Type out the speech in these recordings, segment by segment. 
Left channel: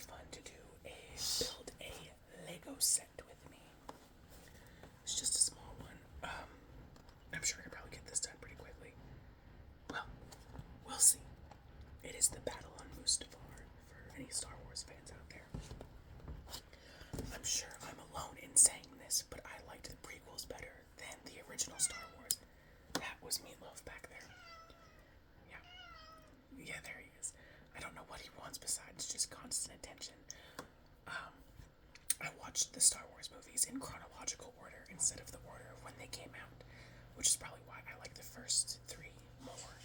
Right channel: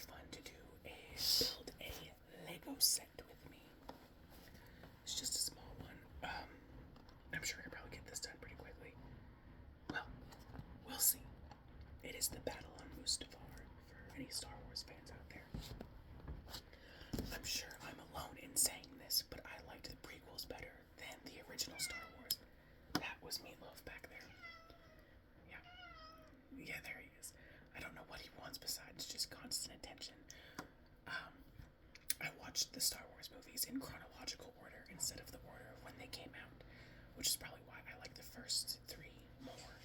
fun to do build a Lego set with me. It's just a small one. I'm sure I can probably get this done pretty quickly. Well, we'll see. It is the Battle on Mustafar for any Star Wars fans out there. I'm sure I'm alone in saying this, but I liked the prequels better than the original Star Wars. That was Meatloaf back there. Yeah. Yeah, there he is. I don't know what he wants besides just constant attention. I watched the Star Wars movies in chronological order instead of the order of when they came out, which is probably why I like the first three more.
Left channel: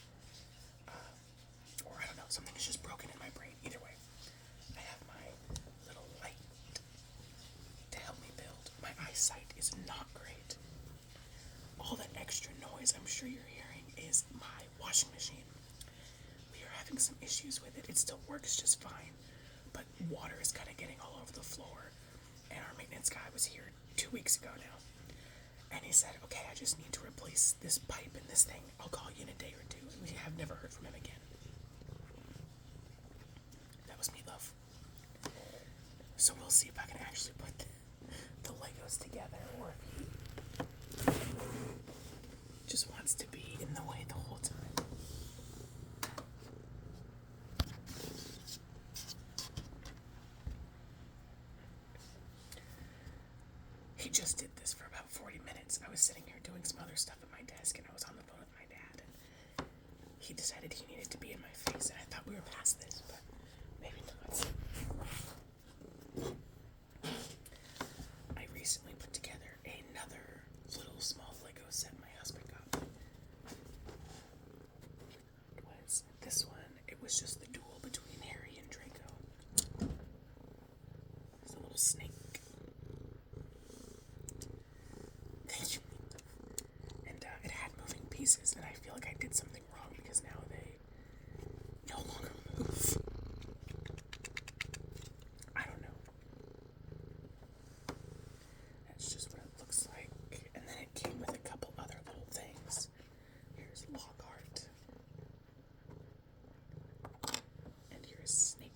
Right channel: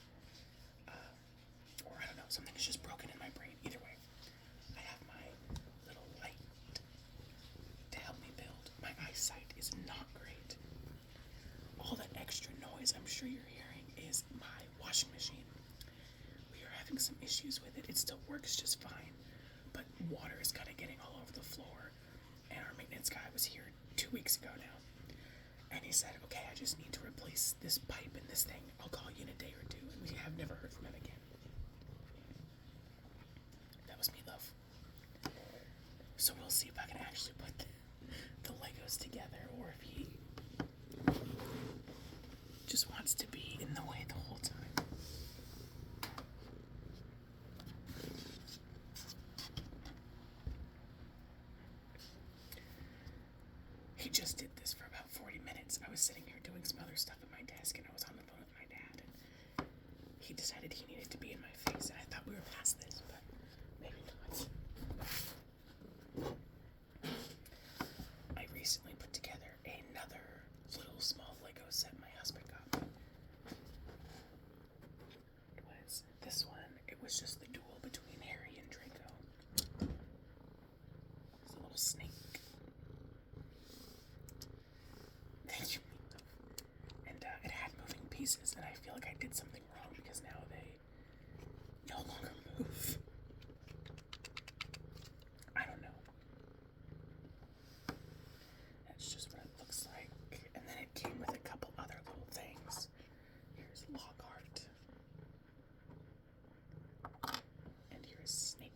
Or I don't know, something is just broken in my brain. Either way, I have my little light to help me build. My eyesight is not great. All that extra noise I'm sure you're hearing is my washing machine. We are having some issues with it. It still works just fine, but water is kind of getting all over the floor. And our maintenance guy was here 2 weeks ago now. And he said, okay, I just need to replace this pipe and this thing. I'll call you in a day or two. And we have never heard from him again. That was Meatloaf. So we'll see if I can actually put the Legos together, or if he just wants to be in the way the whole time. He just did this for about 40 minutes. I was sitting here doing some other stuff at my desk, and I was on the phone with my dad, and he decided he needed to be in my face, and I thought we were past this, but maybe not. I recently put together another little small Lego set my husband got me. It was this one. It was just the duel between Harry and Draco. There's a little snake. Thank you. And it had moving pieces, and I feel like I did something wrong because now they no longer move. I don't know. That's just what it looks like. And then it came with a couple other little things. Here's Lockhart. And here's Snape.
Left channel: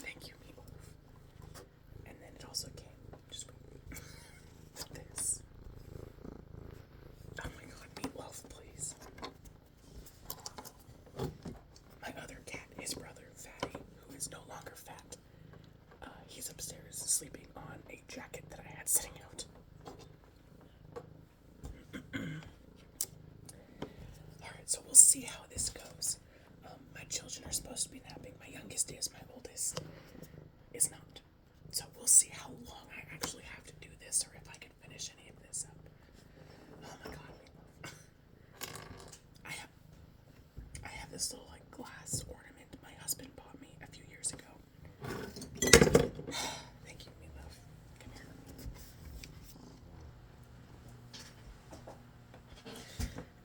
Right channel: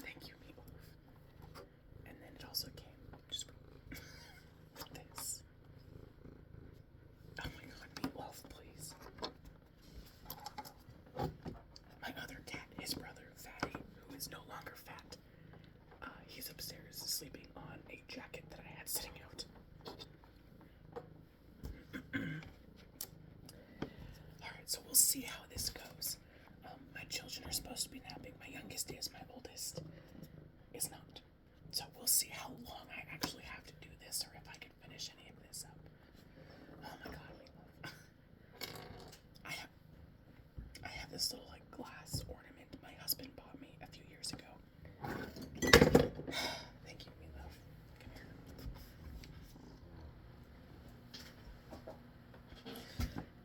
Thank you, Meatloaf. And then it also came just with this. Oh my god, Meatloaf, please. My other cat, his brother, Fatty, who is no longer fat, he's upstairs sleeping on a jacket that I had sitting out. Alright, so we'll see how this goes. My children are supposed to be napping. My youngest is, my oldest is not. So we'll see how long I actually have to do this, or if I can finish any of this up. Oh my god, Meatloaf. I have this little like glass ornament my husband bought me a few years ago. Thank you, Meatloaf. Come here.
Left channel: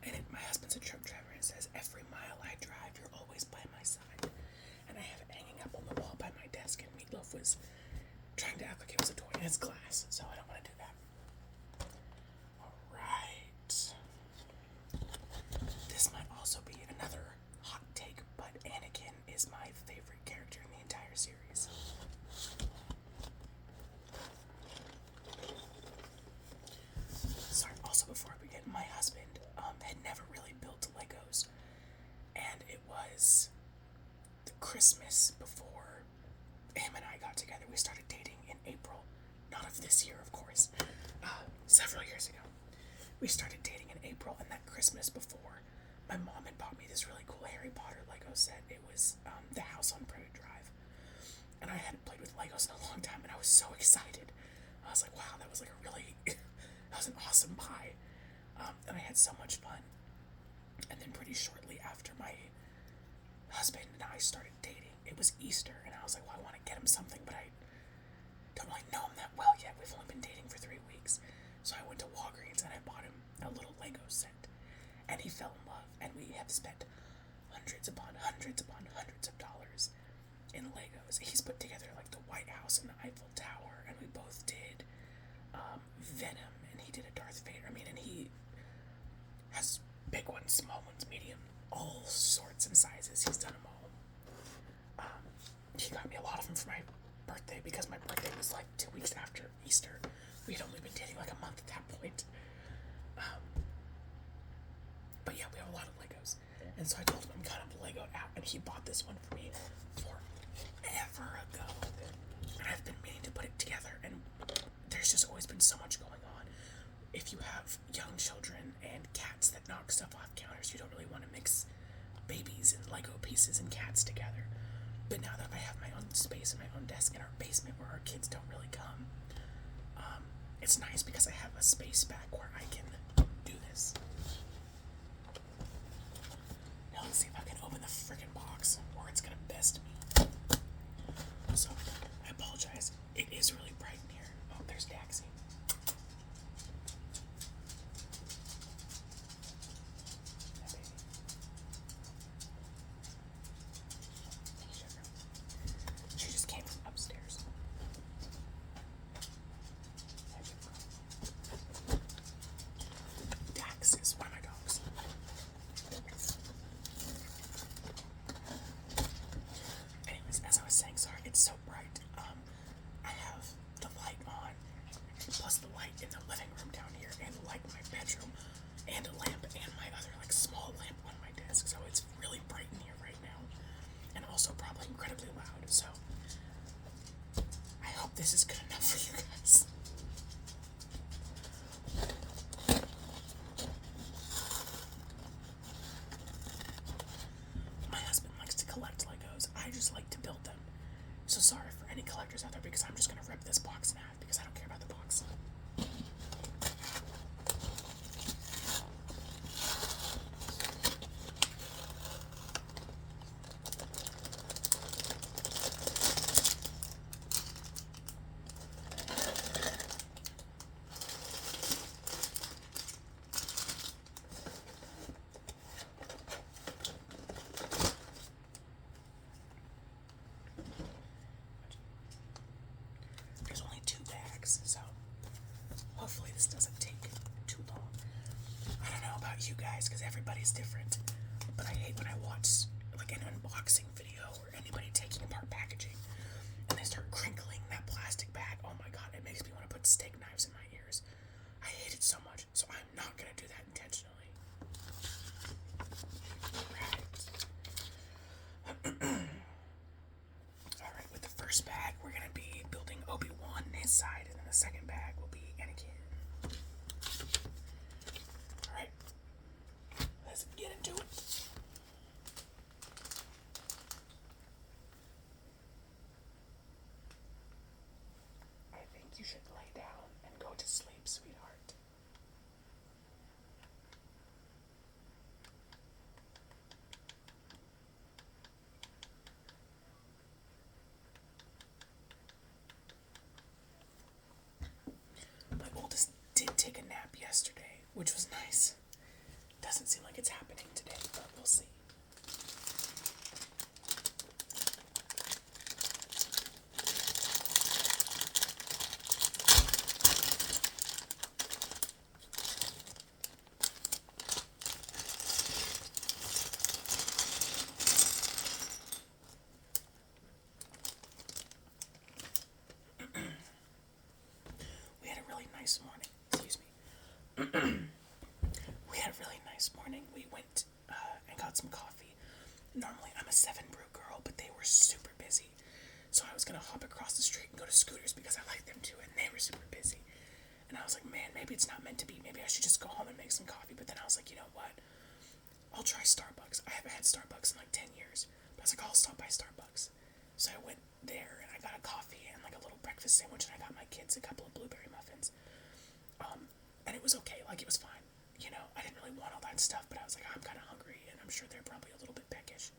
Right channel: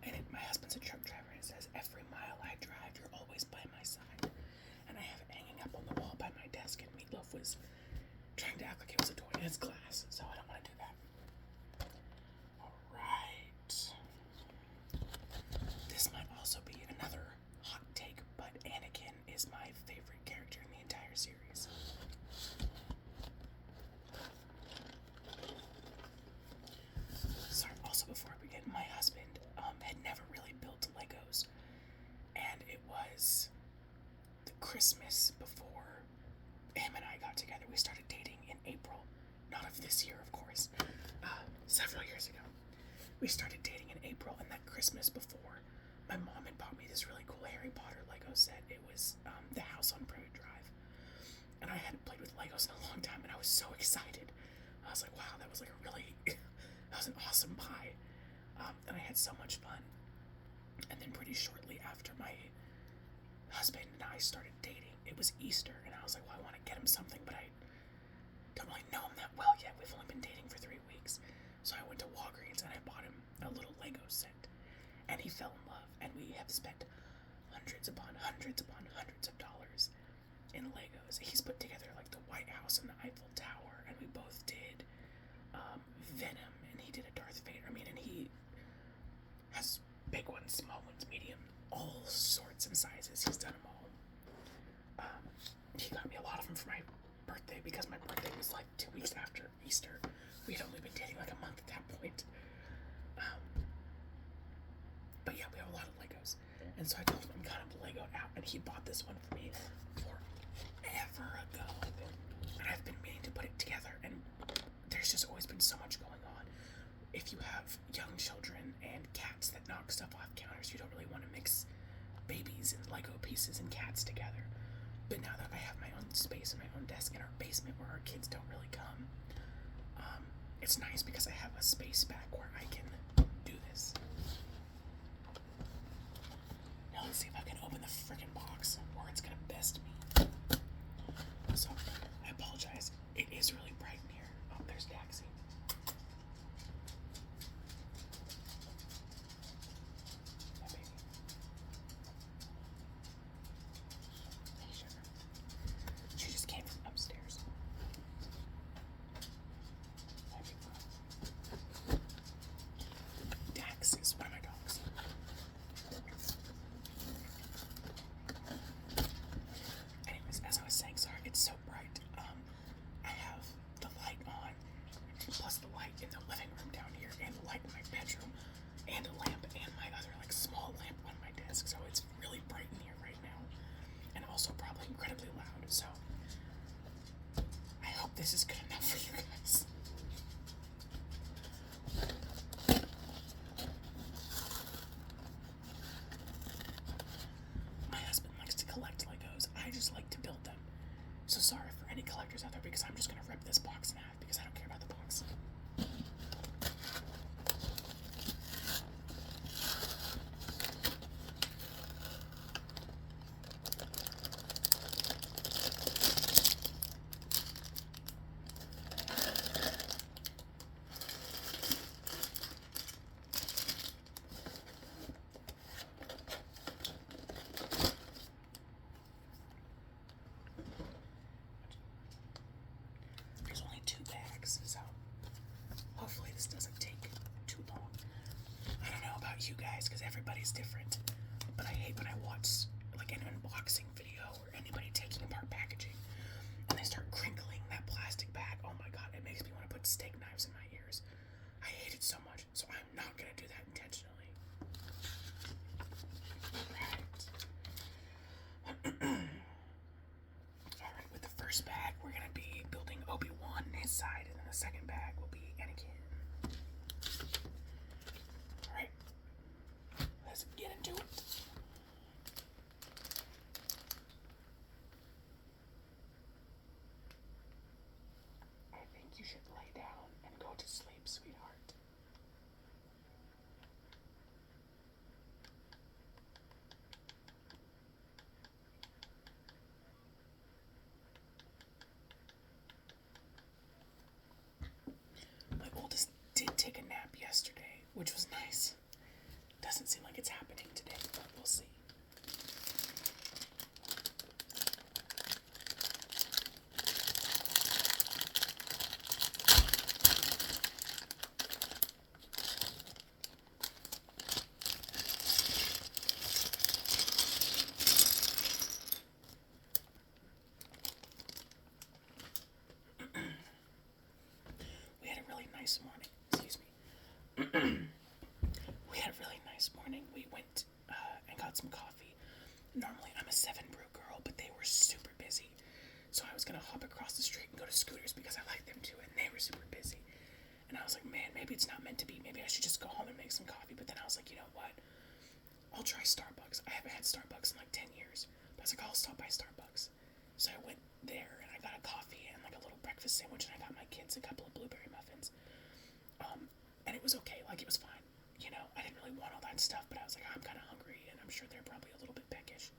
And my husband's a truck driver, and it says, every mile I drive, you're always by my side. And I have it hanging up on the wall by my desk, and Meatloaf was trying to act like it was a toy, and it's glass, so I don't want to do that. Alright. This might also be another hot take, but Anakin is my favorite character in the entire series. Sorry, also before I begin, my husband had never really built Legos, and it was the Christmas before him and I got together. We started dating in April, not of this year, of course, several years ago. We started dating in April, and that Christmas before, my mom had bought me this really cool Harry Potter Lego set. It was the house on Prairie Drive, and I hadn't played with Legos in a long time, and I was so excited. I was like, wow, that was like a really, that was an awesome buy. And I had so much fun. And then pretty shortly after my husband and I started dating, it was Easter, and I was like, well, I want to get him something, but I don't really know him that well yet. We've only been dating for 3 weeks. So I went to Walgreens and I bought him a little Lego set. And he fell in love, and we have spent hundreds upon hundreds upon hundreds of dollars in Legos. He's put together like the White House and the Eiffel Tower, and we both did Venom, and he did a Darth Vader. I mean, and he has big ones, small ones, medium, all sorts and because he's done them all. He got me a lot of them for my birthday because my birthday was like 2 weeks after Easter. We had only been dating like a month at that point. But yeah, we have a lot of Legos. And so I told him I'm kind of Legoed out, and he bought this one for me forever ago. And I've been meaning to put it together, and there's just always been so much going on. If you have young children and cats that knock stuff off counters, you don't really want to mix babies and Lego pieces and cats together. But now that I have my own space and my own desk in our basement where our kids don't really come, it's nice because I have a space back where I can do this. Now let's see if I can open the freaking box or it's gonna best me. So, I apologize. It is really bright in here. Oh, there's Daxie. My baby. Hey, sugar. She just came from upstairs. Dax is one of my dogs. Anyways, as I was saying, sorry, it's so bright. I have the light on, plus the light in the living room down here, and the light in my bedroom, and a lamp, and my other like small lamp on my desk. So it's really bright in here right now, and also probably incredibly loud. So I hope this is good enough for you guys. My husband likes to collect Legos. I just like to build them. So sorry for any collectors out there because I'm just gonna rip this box in half because I don't care about the box. There's only 2 bags, so hopefully this doesn't take too long. I don't know about you guys because everybody's different, but I hate when I watch like an unboxing video or anybody taking apart packaging and they start crinkling that plastic bag. Oh my god, it makes me want to put steak knives in my ears. I hate it so much, so I'm not gonna do that intentionally. Alright, with the first bag, we're gonna be building Obi-Wan and his side, and then the second bag will be Anakin. Alright, let's get into it. I think you should lay down and go to sleep, sweetheart. My oldest did take a nap yesterday, which was nice. Doesn't seem like it's happening today, but we'll see. We had a really nice morning. Excuse me. We had a really nice morning. We went and got some coffee. Normally I'm a 7 Brew girl, but they were super busy. So I was gonna hop across the street and go to Scooters because I like them too, and they were super busy. And I was like, man, maybe it's not meant to be. Maybe I should just go home and make some coffee. But then I was like, you know what? I'll try Starbucks. I haven't had Starbucks in like 10 years. But I was like, I'll stop by Starbucks. So I went there and I got a coffee and like a little breakfast sandwich, and I got my kids a couple of blueberry muffins. And it was okay. Like, it was fine. You know, I didn't really want all that stuff, but I was like, I'm kind of hungry, and I'm sure they're probably a little bit peckish.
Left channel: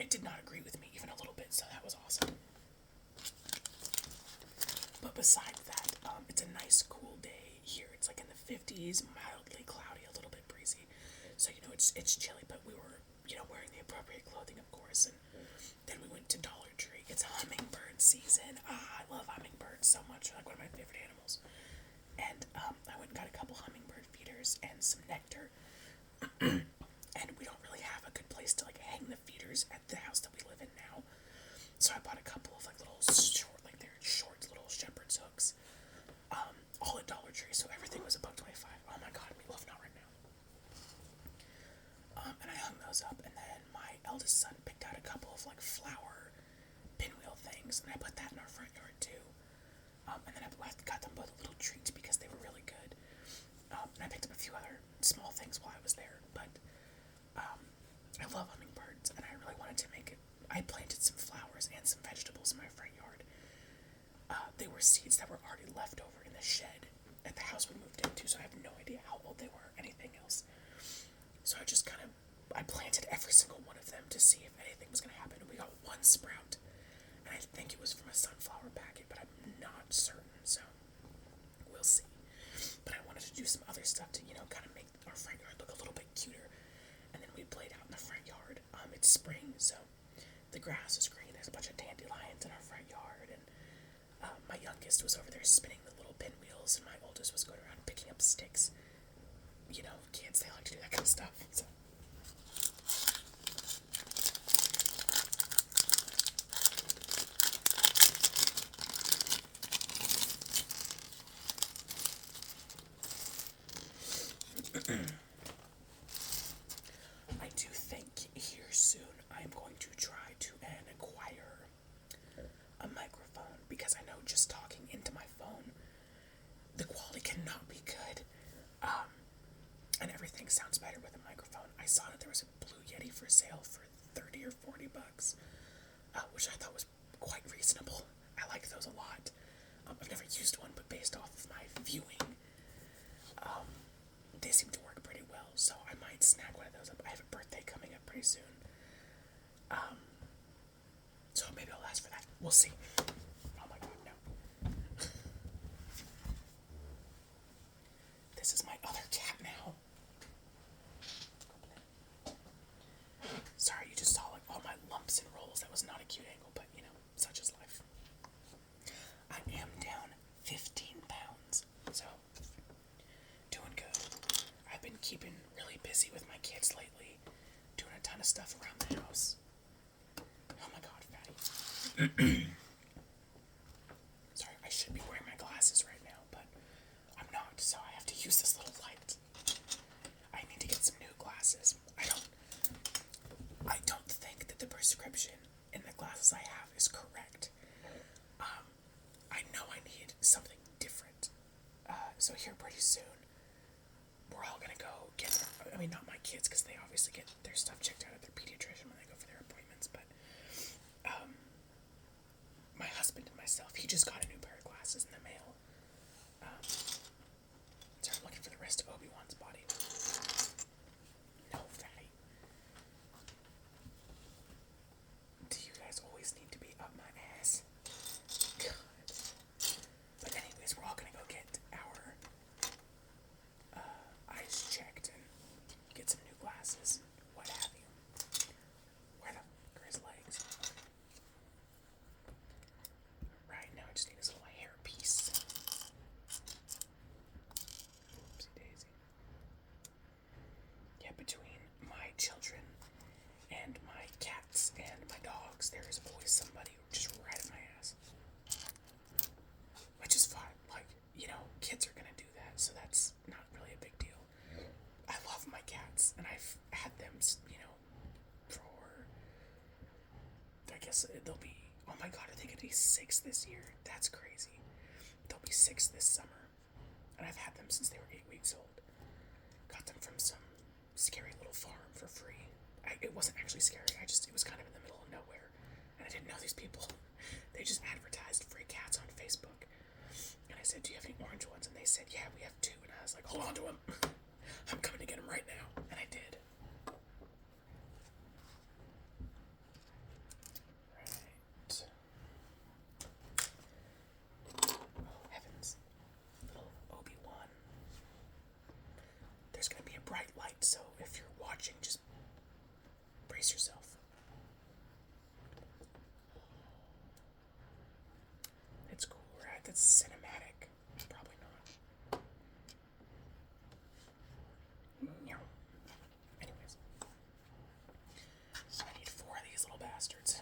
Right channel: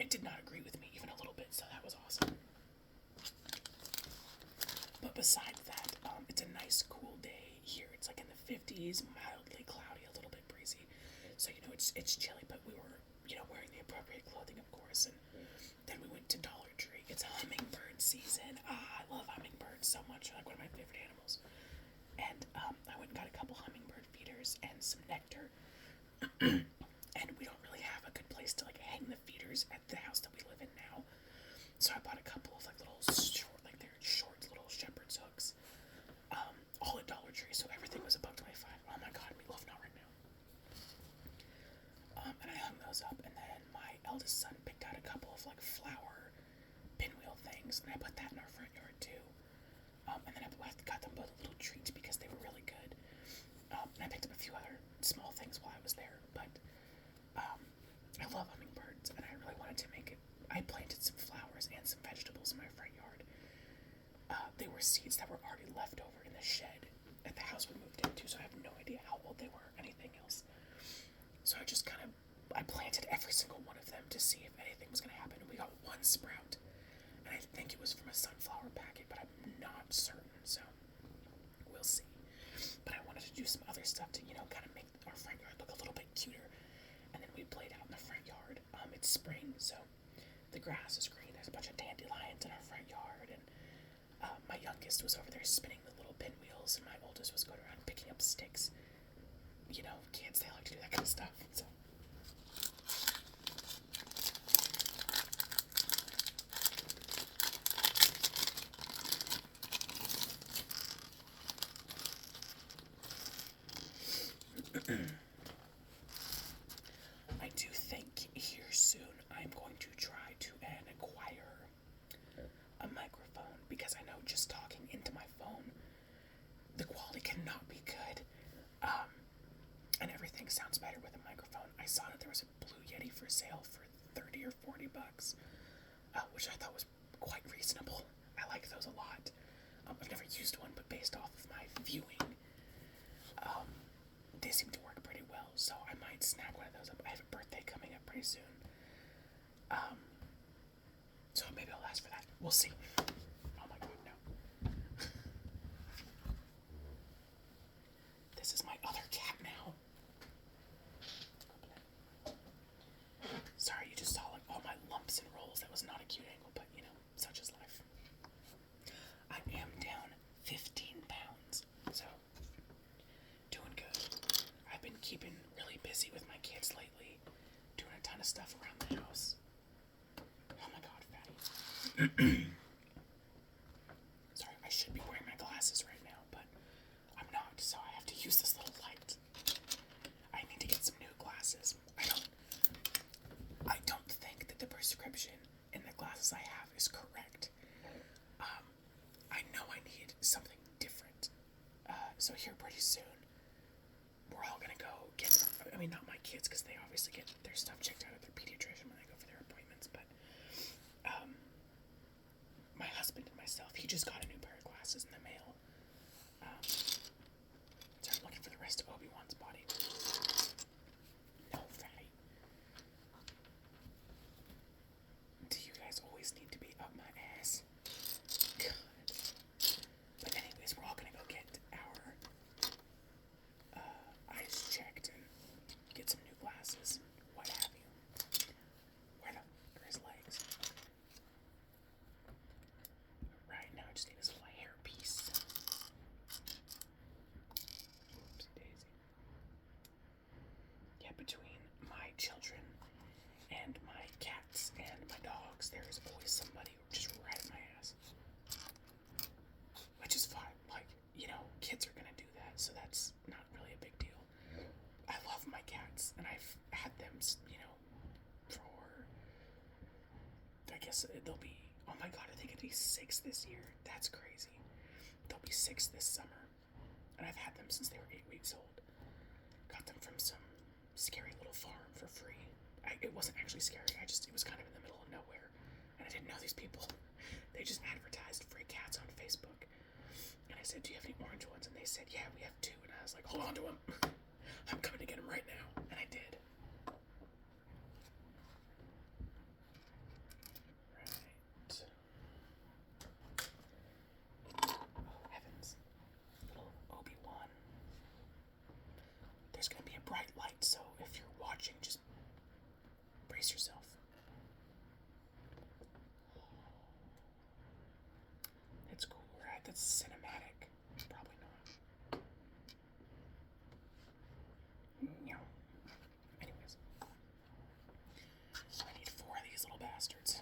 It did not agree with me even a little bit, so that was awesome. But besides that, it's a nice, cool day here. It's like in the 50s, mildly cloudy, a little bit breezy. So, you know, it's chilly, but we were, you know, wearing the appropriate clothing, of course. And then we went to Dollar Tree. It's hummingbird season. I love hummingbirds so much. They're like one of my favorite animals. And I went and got a couple hummingbird feeders and some nectar. And we don't really have a good place to eldest son picked out a couple of like flower pinwheel things, and I put that in our front yard too. And then I got them both little treats because they were really good. And I picked up a few other small things while I was there, but I love hummingbirds, and I really wanted to make it. I planted some flowers and some vegetables in my front yard. They were seeds that were already left over in the shed at the house we moved into, so I have no idea how old they were or anything else. So I planted every single one of them to see if anything was going to happen, and we got one sprout, and I think it was from a sunflower packet, but I'm not certain, so we'll see. But I wanted to do some other stuff to, kind of make our front yard look a little bit cuter, and then we played out in the front yard. It's spring, so the grass is green. There's a bunch of dandelions in our front yard, and my youngest was over there spinning the little pinwheels, and my oldest was going around picking up sticks. Kids, they like to do that kind of stuff, so. I do think here soon I'm going to try to acquire a microphone, because I know just talking into my phone, the quality cannot be good, and everything sounds better with a microphone. I saw that there was a Blue Yeti for sale for $30 or $40, which I thought was quite reasonable. I like those a lot. I've never used one, but based off of my viewing, they seem to work pretty well, so I might snag one of those up. I have a birthday coming up pretty soon, so maybe I'll ask for that. We'll see. Oh my god, no. This is my other cat now. Sorry, you just saw like all my lumps and rolls. That was not a cute angle, but such is life. I am down 15 pounds, so doing good. I've been keeping really busy with my kids lately, doing a ton of stuff around the house. Oh my god, fatty. Sorry, I should be wearing my glasses right now, but I'm not, so I have to use this little light. I need to get some new glasses. I don't think that the prescription in the glasses I have is correct. I know I need something different. So here pretty soon, we're all gonna go get, not my kids, because they obviously get their stuff checked out at their pediatrician when they go for their appointments, but my husband and myself, he just got a new pair of glasses in the mail. So I'm looking for the rest of Obi-Wan's body. No, fatty. Do you guys always need to be up my ass? God. But anyways, we're all gonna go get our eyes checked and get some new glasses, what have you. Where the fuck are his legs? Right, now I just need his little hair piece. Oopsie daisy. Yeah, between my children and my cats and my dogs, there is always somebody just right at my ass. Which is fine. Like, kids are gonna do that, so that's not really a big deal. I love my cats, and I've had them, for, I guess they'll be, oh my god, are they gonna be 6 this year? That's crazy. They'll be 6 this summer, and I've had them since they were 8 weeks old. Got them from some scary little farm for free. It wasn't actually scary, it was kind of in the middle of nowhere, and I didn't know these people. They just advertised free cats on Facebook, and I said, do you have any orange ones? And they said, yeah, we have 2, and I was like, hold on to them. I'm coming to get them right now, and I did. Right. Oh, heavens. Little Obi-Wan. There's gonna be a bright light, so if you're watching, just brace yourself. It's cool, right? That's cinematic. Probably not. Anyways. I need 4 of these little bastards.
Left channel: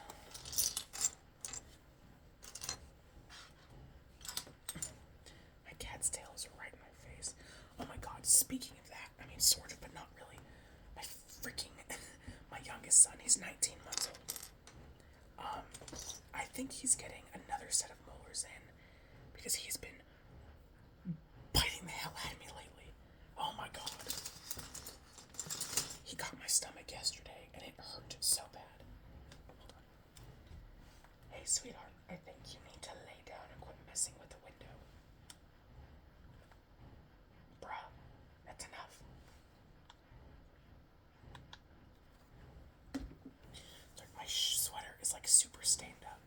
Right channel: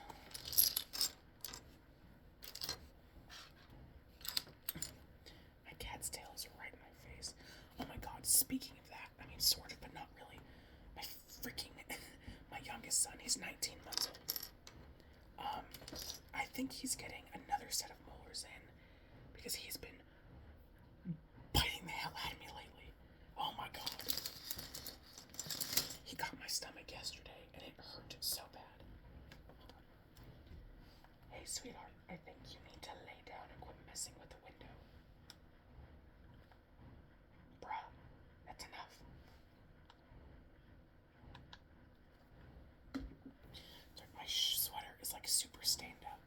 My cat's tail is right in my face. Oh my god, speaking of that, sort of, but not really. My youngest son. He's 19 months old. I think he's getting another set of molars in because he's been biting the hell out of me lately. Oh my god. He got my stomach yesterday and it hurt so bad. Hold on. Hey, sweetheart, I think you need to lay down and quit messing with the window. Bruh, that's enough. My sweater is like super stained up.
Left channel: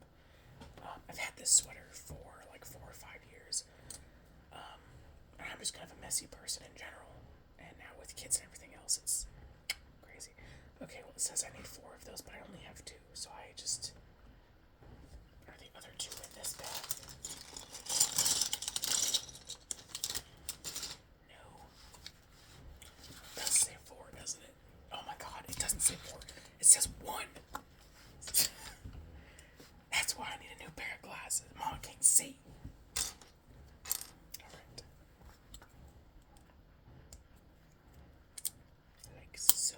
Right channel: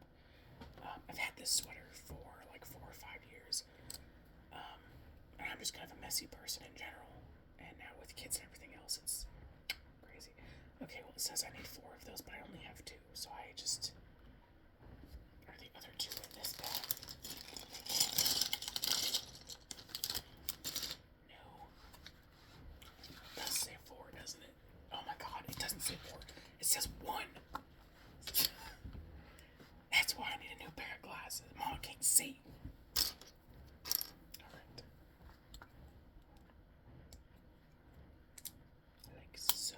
I've had this sweater for like 4 or 5 years. And I'm just kind of a messy person in general. And now with kids and everything else, it's crazy. Okay, well, it says I need 4 of those, but I only have 2. So I just. Are the other 2 in this bag? No. It does say 4, doesn't it? Oh my god, it doesn't say 4. It says 1. That's why I need a new pair of glasses. Mom can't see. Alright. Like so.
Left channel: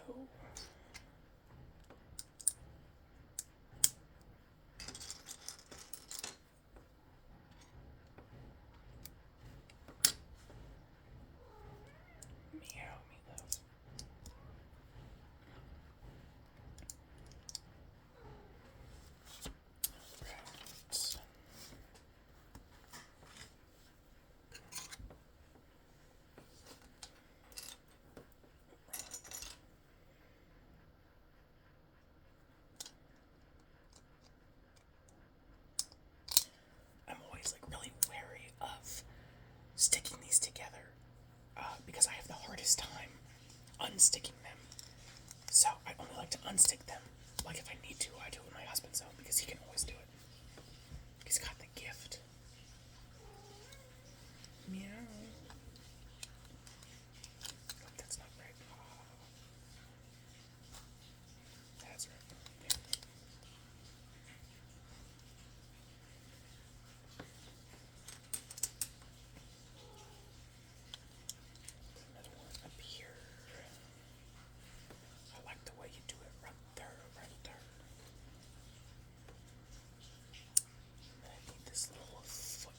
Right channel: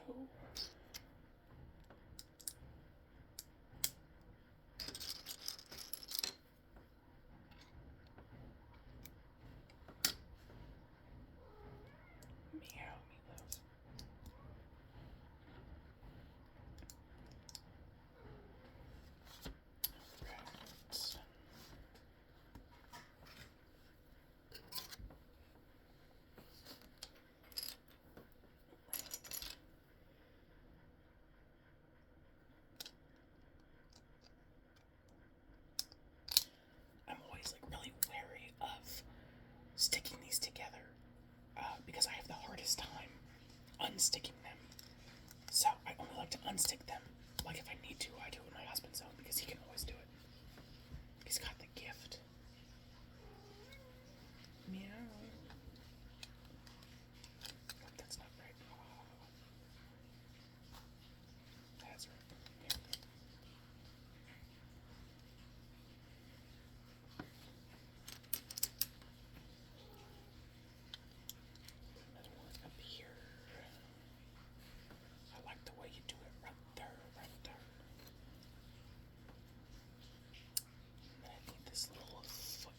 Meow, me love. Right. I'm always like really wary of sticking these together because I have the hardest time unsticking them. So I only like to unstick them. Like if I need to, I do it with my husband's own because he can always do it. He's got the gift. Meow. Oh, that's not right. Oh. That's right. There we go. Another one up here. I like the way you do it right there, right there. And I need this little foot.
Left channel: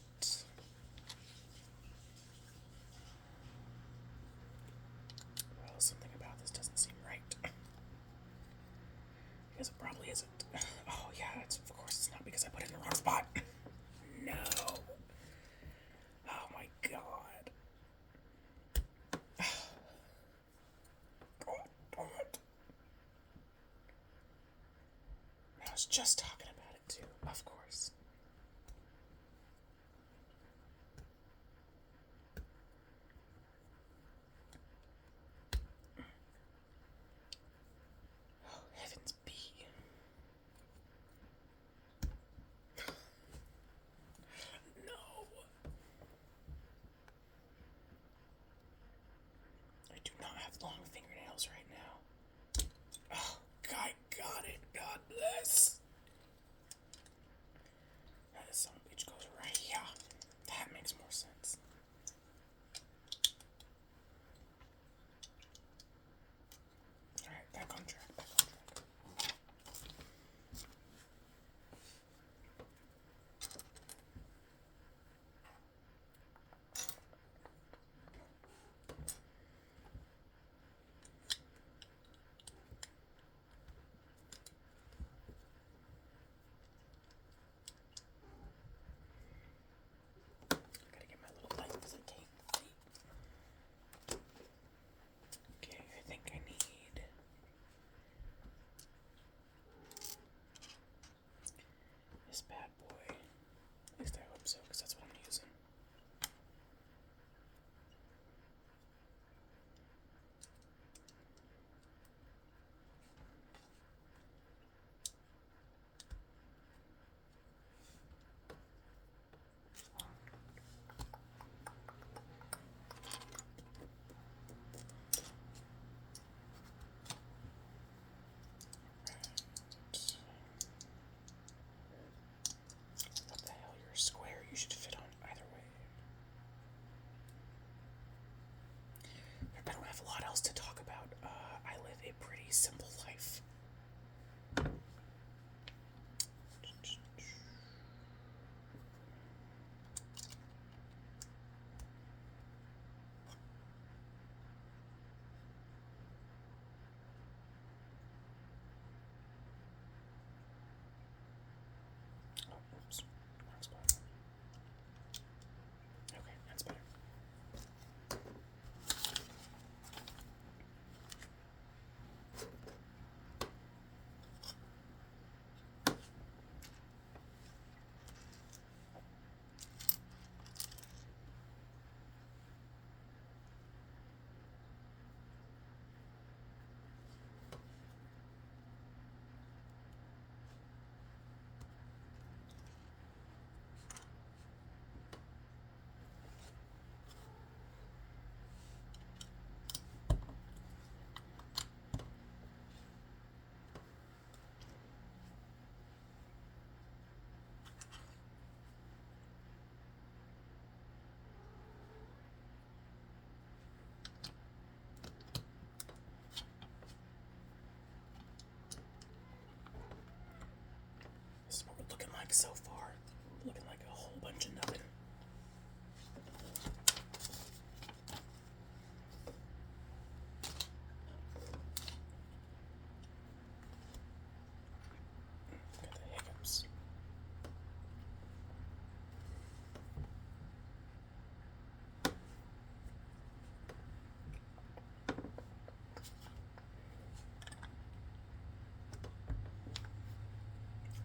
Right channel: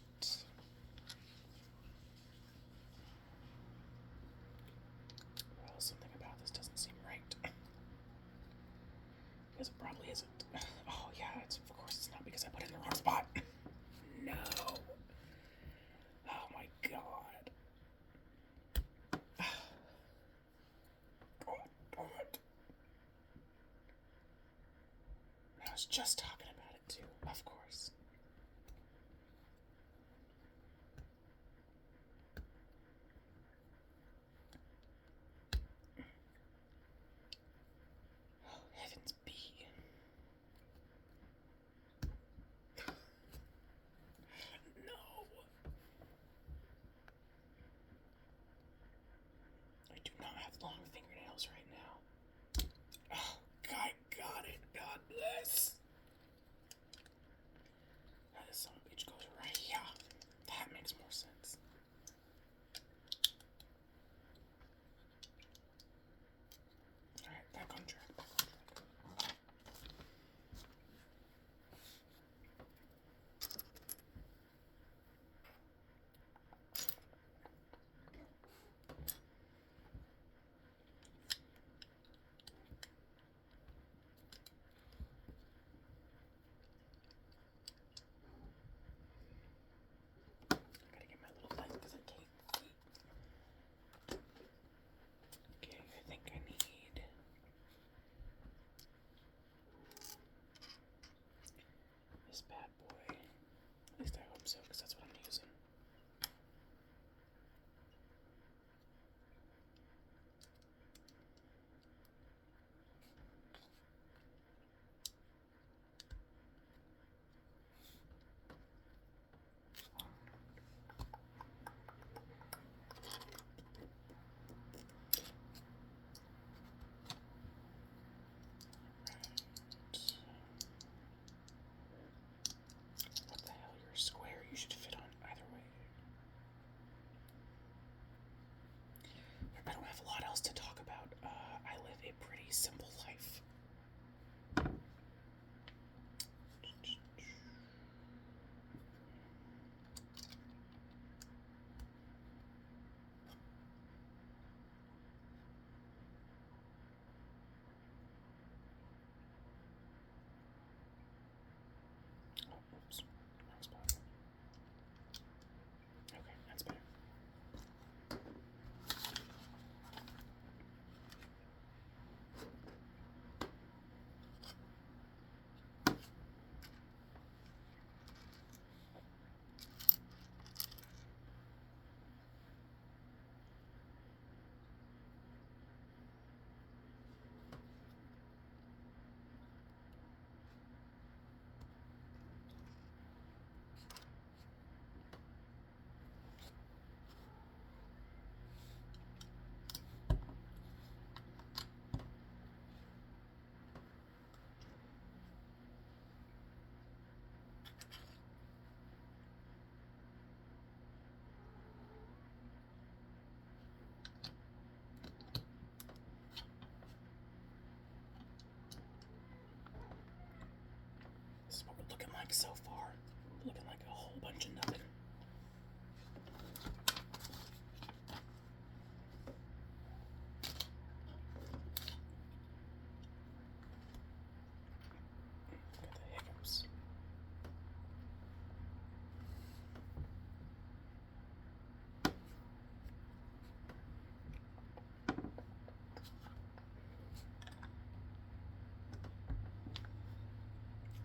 Well, something about this doesn't seem right. Because it probably isn't. Oh yeah, of course it's not because I put it in the wrong spot. No. Oh my god. God damn it. I was just talking about it too, of course. Oh, heavens be. No. I do not have long fingernails right now. Oh, I got it. God bless. That son of a bitch goes right here. That makes more sense. Alright, back on track. Gotta get my little light because I can't see. Okay, I think I need this bad boy. At least I hope so, because that's what I'm using. What the hell? You're a square. You should fit on so far. Looking like a whole bunch of nothing. Got the hiccups.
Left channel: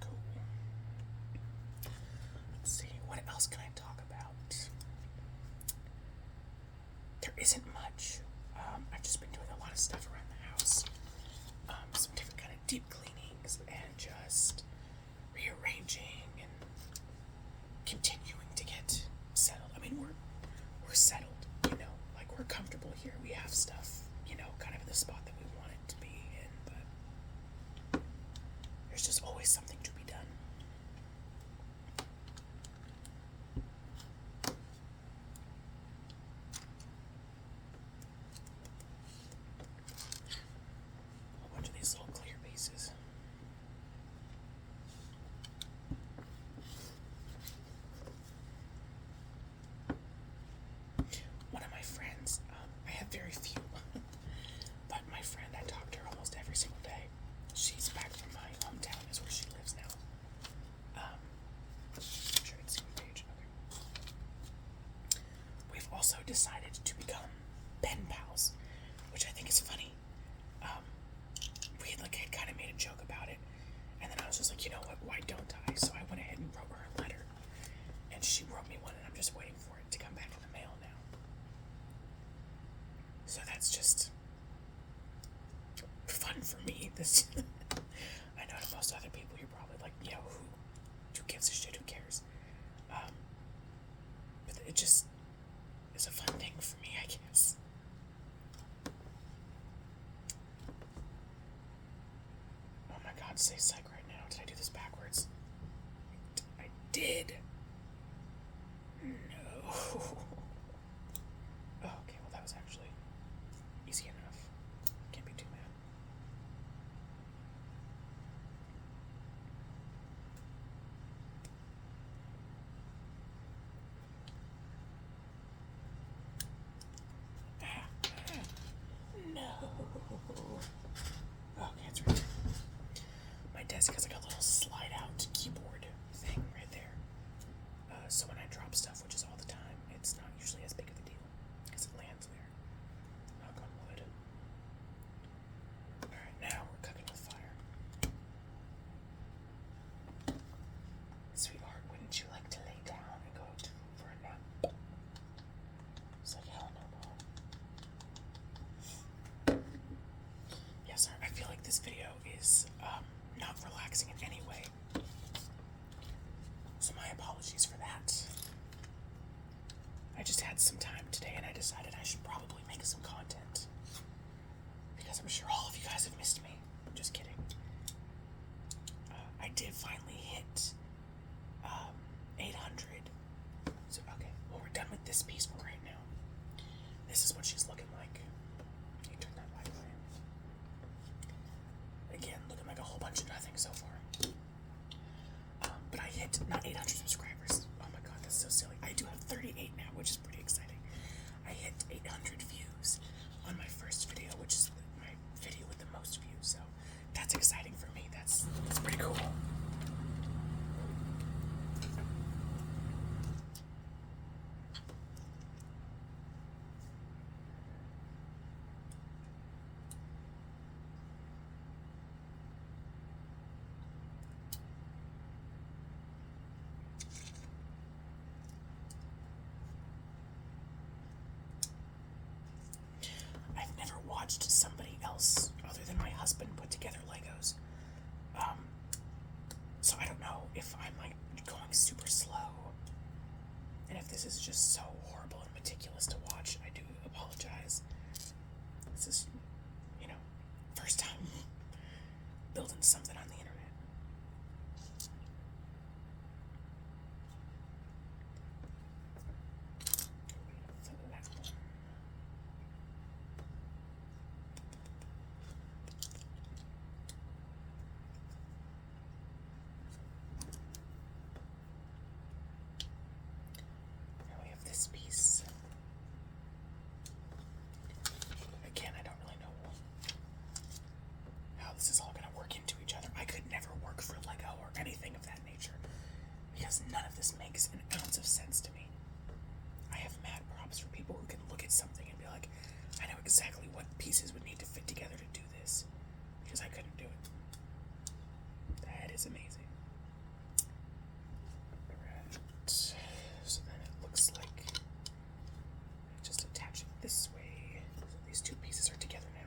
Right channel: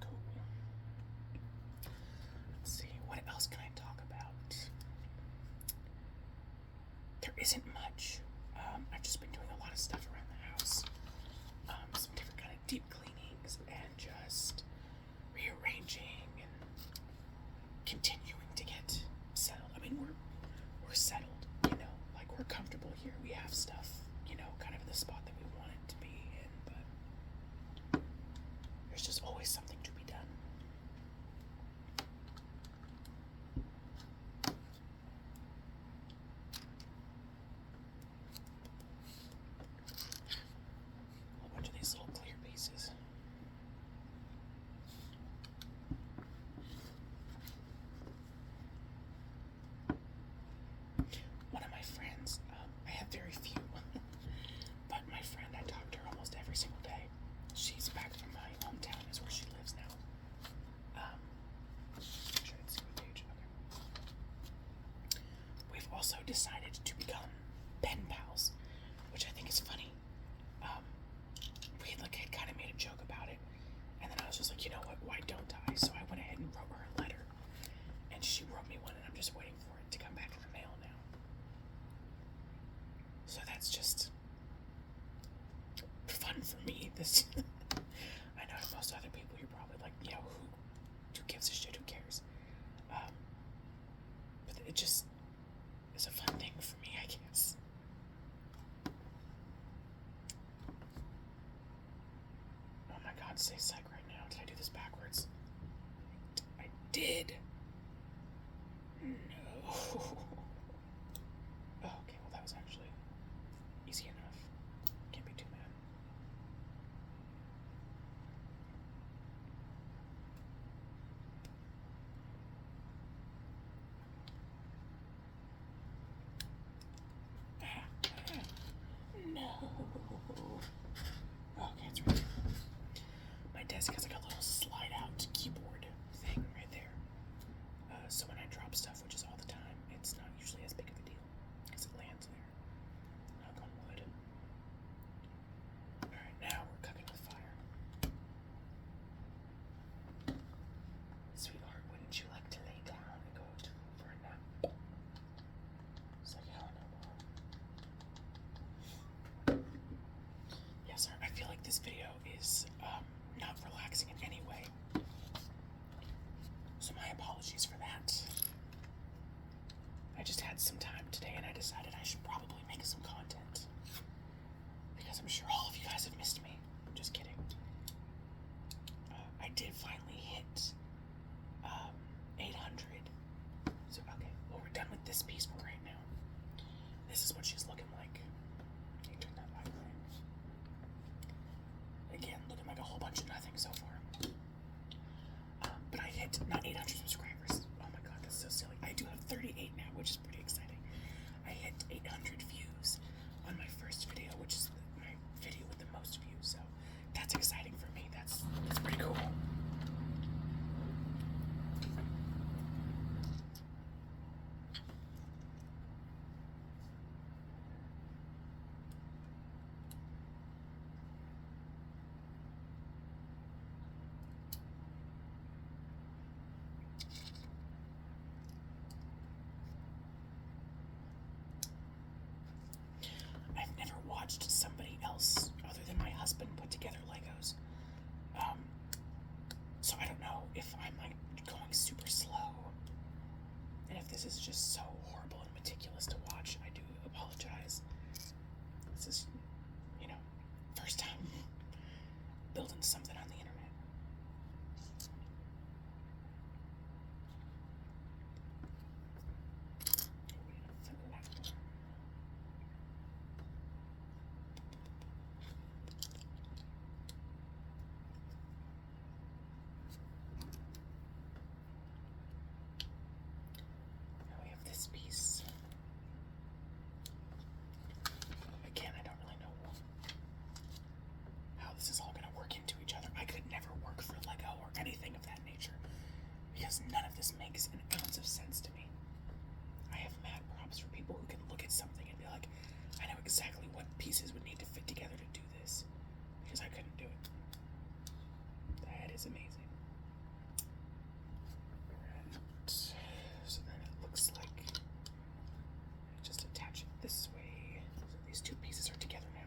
Cool. Let's see, what else can I talk about? There isn't much. I've just been doing a lot of stuff around the house. Some different kind of deep cleanings and just rearranging and continuing to get settled. I mean, we're settled, you know, like we're comfortable here. We have stuff, you know, kind of in the spot that we want it to be in, but there's just always something to be done. A whole bunch of these little clear pieces. One of my friends, I have very few, but my friend, I talk to her almost every single day. She's back from my hometown, is where she lives now. I'm sure I can see my page. Okay. We've also decided to become pen pals, which I think is funny. We had kind of made a joke about it, and then I was just like, you know what? Why don't I? So I went ahead and wrote her a letter, and she wrote me one, and I'm just waiting for it to come back in the mail now. So that's just fun for me. This I know to most other people, you're probably like, you know, who gives a shit? Who cares? But it just is a fun thing for me, I guess. Oh my God, say psych right now. Did I do this backwards? I did. No. Oh, okay, well that was actually easy enough. Can't be too mad. No. Okay, it's right there. My desk has like a little slide out keyboard thing right there. So when I drop stuff, which is all the time, it's not usually as big of a deal because it lands there. Knock on wood. Alright, now we're cooking with fire. Sweetheart, wouldn't you like to lay down and go for a nap? It's like, hell no, Mom. Yeah, sorry, I feel like this video is not relaxing in any way. So my apologies for that. I just had some time today and I decided I should probably make some content. Because I'm sure all of you guys have missed me. I'm just kidding. I did finally hit 800. So, okay, well, we're done with this piece for right now. This is what she's looking like. Can you turn that light away? Again, looking like a whole bunch of nothing so far. But I hit not 800 subscribers. Oh my God, that's so silly. I do have 38 now, which is pretty exciting. I hit 800 views on my first video, which is my video with the most views. So that's exciting for me. That's pretty cool. I've never watched somebody else other than my husband put together Legos. So I don't know if I'm like going super slow. And if this is just so horrible and meticulous to watch, I do apologize. This is, you know, first time building something on the internet. is amazing. Right. So then it looks like just attach it this way. So these two pieces are together now.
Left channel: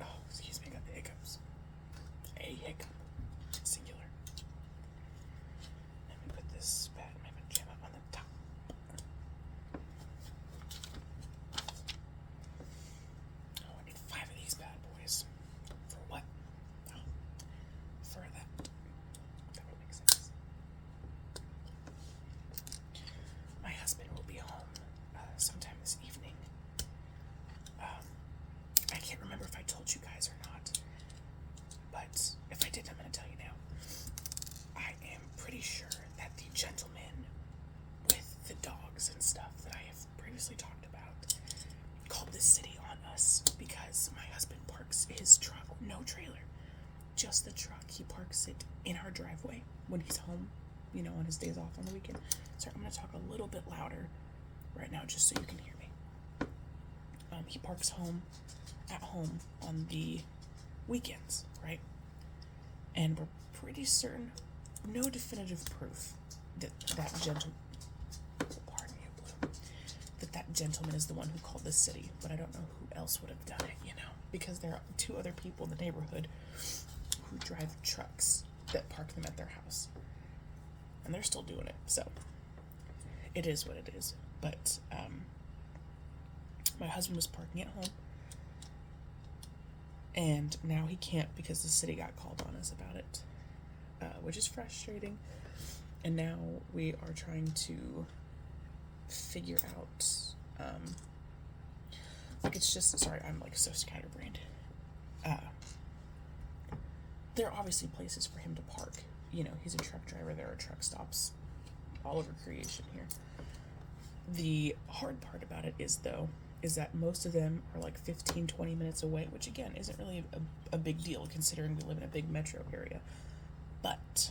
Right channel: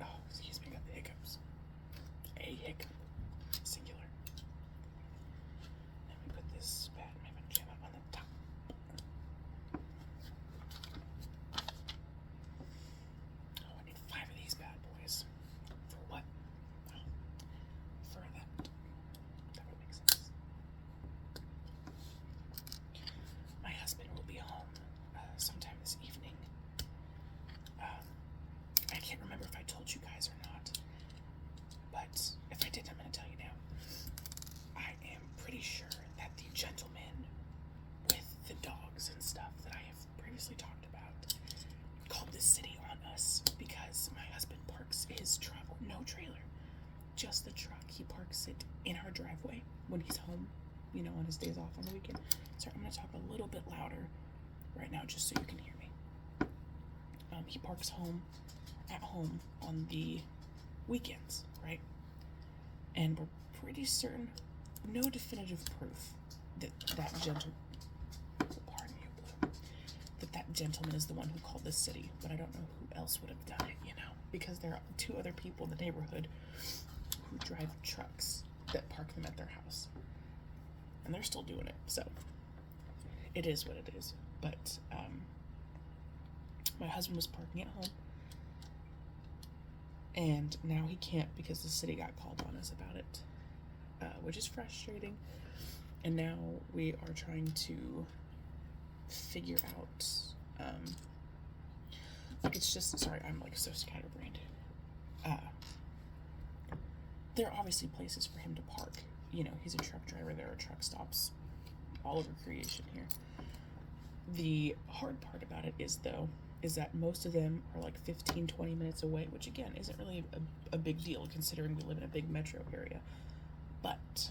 Oh, excuse me, I got the hiccups. A hiccup. Singular. And we put this pad in my pajama on the top. Oh, I need 5 of these bad boys. For what? Oh, for that. That would make sense. My husband will be home sometime this evening. I can't remember if I told you guys or not, but if I did, I'm going to tell you now. I am pretty sure that the gentleman with the dogs and stuff that I have previously talked about called this city on us because my husband parks his truck, no trailer, just the truck. He parks it in our driveway when he's home, you know, on his days off on the weekend. Sorry, I'm going to talk a little bit louder right now just so you can hear me. He parks at home on the weekends, right? And we're pretty certain, no definitive proof that gentleman, pardon you, Blue, that gentleman is the one who called this city, but I don't know who else would have done it, you know, because there are 2 other people in the neighborhood who drive trucks that park them at their house, and they're still doing it, so it is what it is. But my husband was parking at home, and now he can't because the city got called on us about it, which is frustrating. And now we are trying to figure out, like, it's just, sorry, I'm like so scatterbrained. There are obviously places for him to park. You know, he's a truck driver. There are truck stops all over creation here. The hard part about it is that most of them are like 15-20 minutes away, which again isn't really a big deal considering we live in a big metro area, but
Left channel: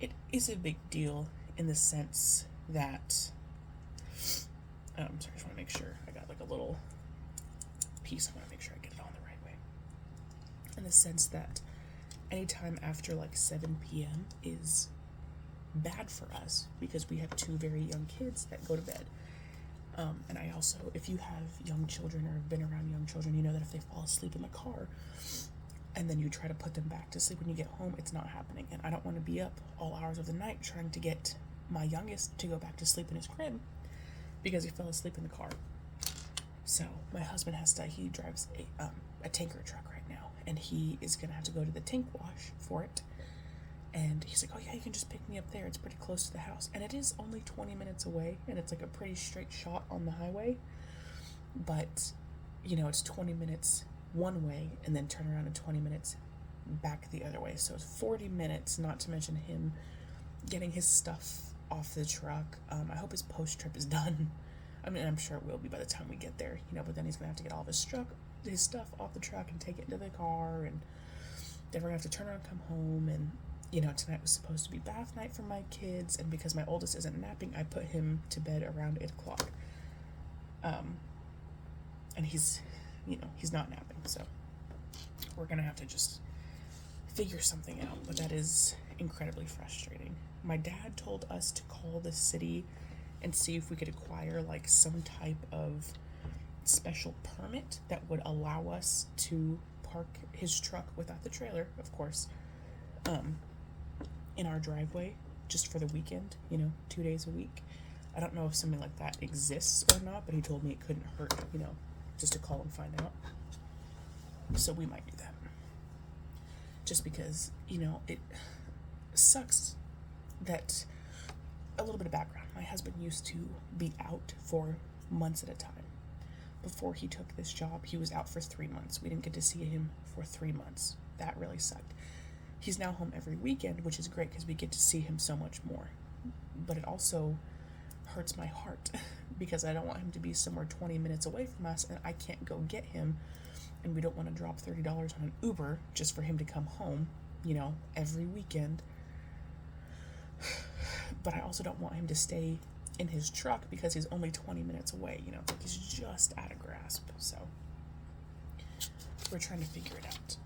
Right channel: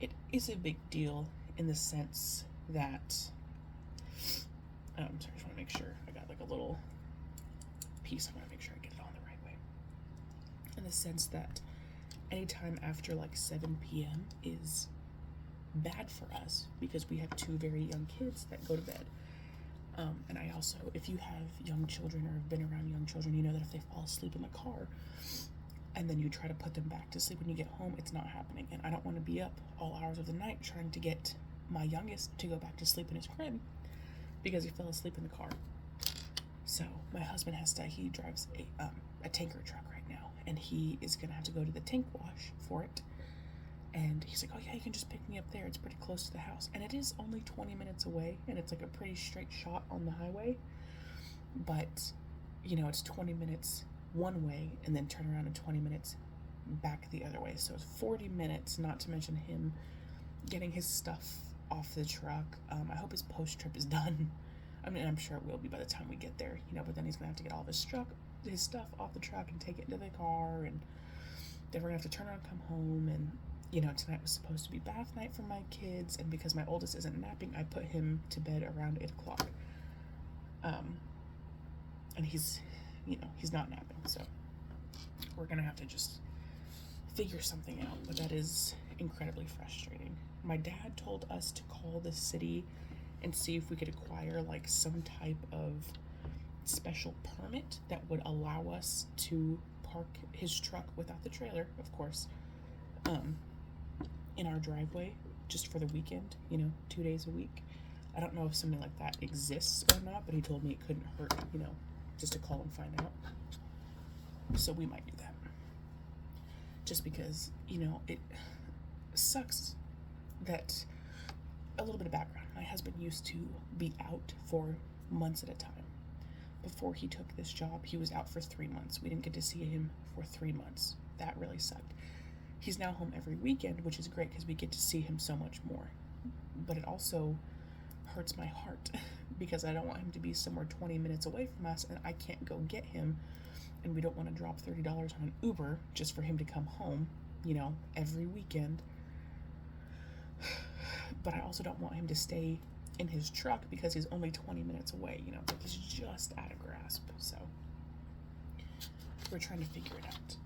it is a big deal in the sense that sorry, I just want to make sure I got like a little piece. I want to make sure I get it on the right way, in the sense that anytime after like 7 p.m. is bad for us because we have 2 very young kids that go to bed. And I also, if you have young children or have been around young children, you know that if they fall asleep in the car and then you try to put them back to sleep when you get home, it's not happening. And I don't want to be up all hours of the night trying to get my youngest to go back to sleep in his crib because he fell asleep in the car. So my husband he drives a tanker truck right now, and he is going to have to go to the tank wash for it. And he's like, oh yeah, you can just pick me up there. It's pretty close to the house. And it is only 20 minutes away, and it's like a pretty straight shot on the highway. But, you know, it's 20 minutes one way and then turn around in 20 minutes back the other way. So it's 40 minutes, not to mention him getting his stuff off the truck. I hope his post-trip is done. I mean, I'm sure it will be by the time we get there, you know, but then he's going to have to get all of his stuff off the truck and take it into the car. And then we're going to have to turn around and come home. And you know, tonight was supposed to be bath night for my kids, and because my oldest isn't napping, I put him to bed around 8 o'clock. And he's not napping, so we're gonna have to just figure something out, but that is incredibly frustrating. My dad told us to call the city and see if we could acquire like some type of special permit that would allow us to park his truck without the trailer, of course, in our driveway just for the weekend, you know, 2 days a week. I don't know if something like that exists or not, but he told me it couldn't hurt, you know, just to call and find out. So we might do that. Just because, you know, it sucks that, a little bit of background, my husband used to be out for months at a time. Before he took this job, he was out for 3 months. We didn't get to see him for 3 months. That really sucked. He's now home every weekend, which is great because we get to see him so much more. But it also hurts my heart because I don't want him to be somewhere 20 minutes away from us and I can't go get him, and we don't want to drop $30 on an Uber just for him to come home, you know, every weekend. But I also don't want him to stay in his truck because he's only 20 minutes away, you know, like he's just out of grasp. So we're trying to figure it out.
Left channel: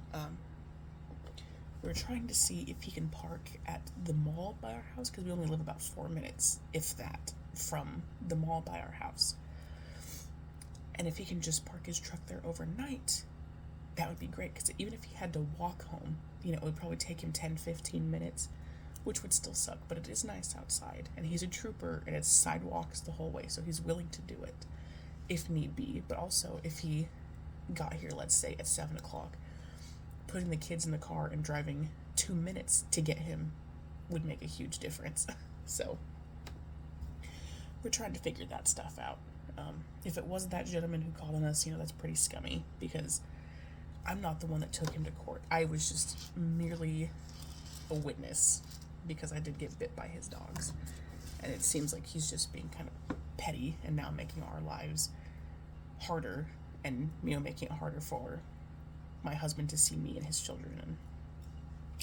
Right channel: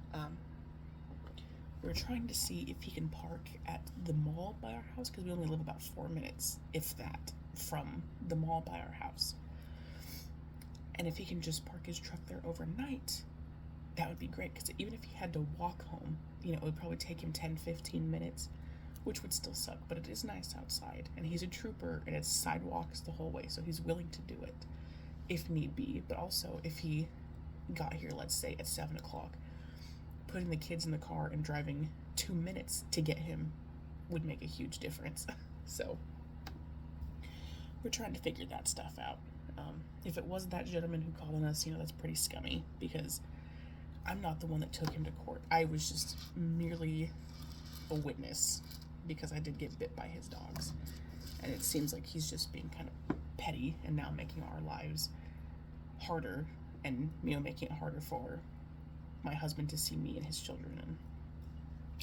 We're trying to see if he can park at the mall by our house because we only live about 4 minutes, if that, from the mall by our house. And if he can just park his truck there overnight, that would be great, because even if he had to walk home, it would probably take him 10-15 minutes, which would still suck, but it is nice outside, and he's a trooper, and it's sidewalks the whole way, so he's willing to do it if need be. But also, if he got here, let's say at 7 o'clock, putting the kids in the car and driving 2 minutes to get him would make a huge difference. So we're trying to figure that stuff out. If it was that gentleman who called on us, that's pretty scummy, because I'm not the one that took him to court. I was just merely a witness, because I did get bit by his dogs. And it seems like he's just being kind of petty and now making our lives harder, and making it harder for my husband to see me and his children, and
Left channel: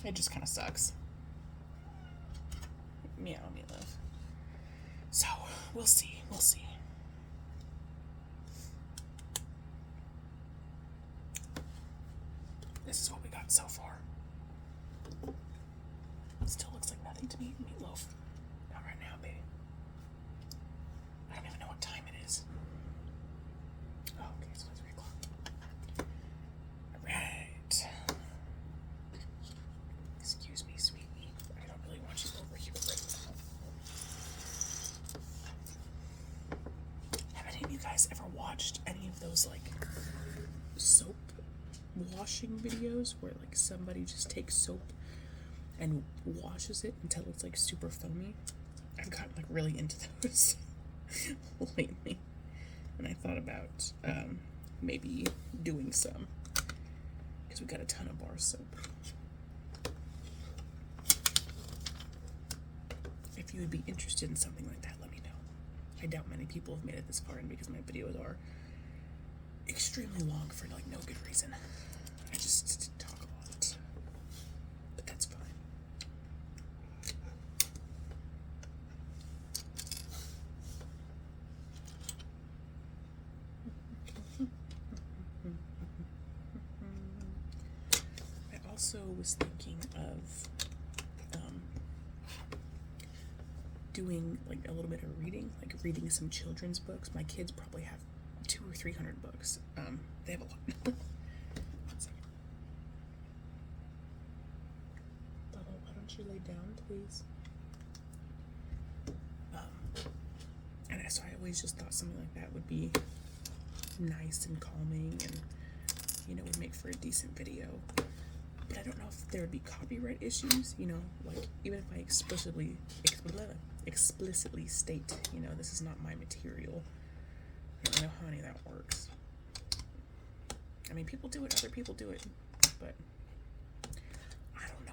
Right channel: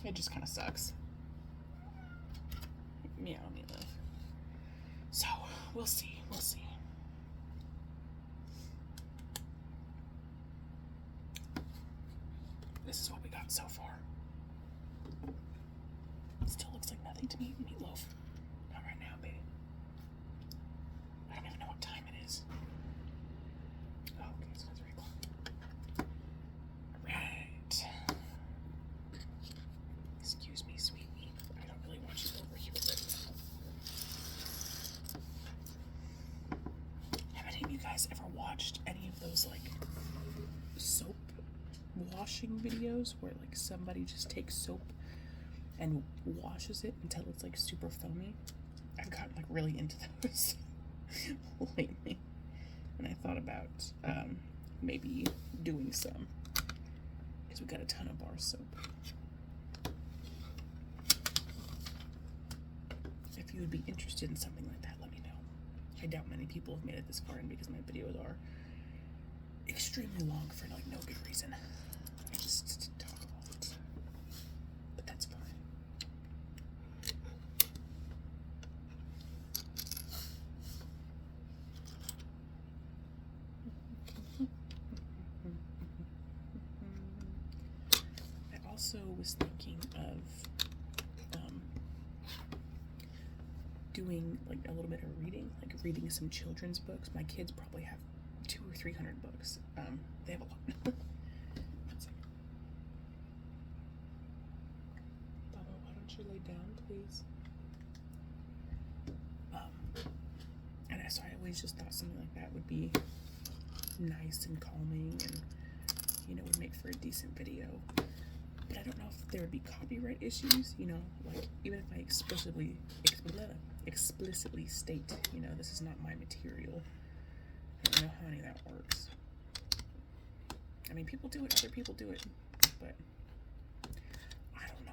it just kind of sucks. Meow, love. So we'll see. This is what we got so far. Still looks like nothing to me, Meatloaf. Not right now, baby. I don't even know what time it is. Oh, okay, it's only 3 o'clock. Alright. Excuse me, sweet meat. I don't really want you over here right now. Have any of you guys ever watched any of those, soap washing videos where, somebody just takes soap and washes it until it's, super foamy? I've gotten, really into those lately. And I thought about maybe doing some, because we got a ton of bar soap. If you would be interested in something like that, let me know. I doubt many people have made it this far in, because my videos are extremely long for no good reason. I just talk a lot, but that's fine. I also was thinking of doing a little bit of reading, reading some children's books. My kids probably have 200 or 300 books. They have a lot. 1 second. Bubba, why don't you lay down, please? And so I always just thought something like that would be nice and calming, and would make for a decent video. But I don't know if there would be copyright issues. Even if I explicitly state, this is not my material. I don't know how any of that works. I mean, people do it, other people do it, but I don't know.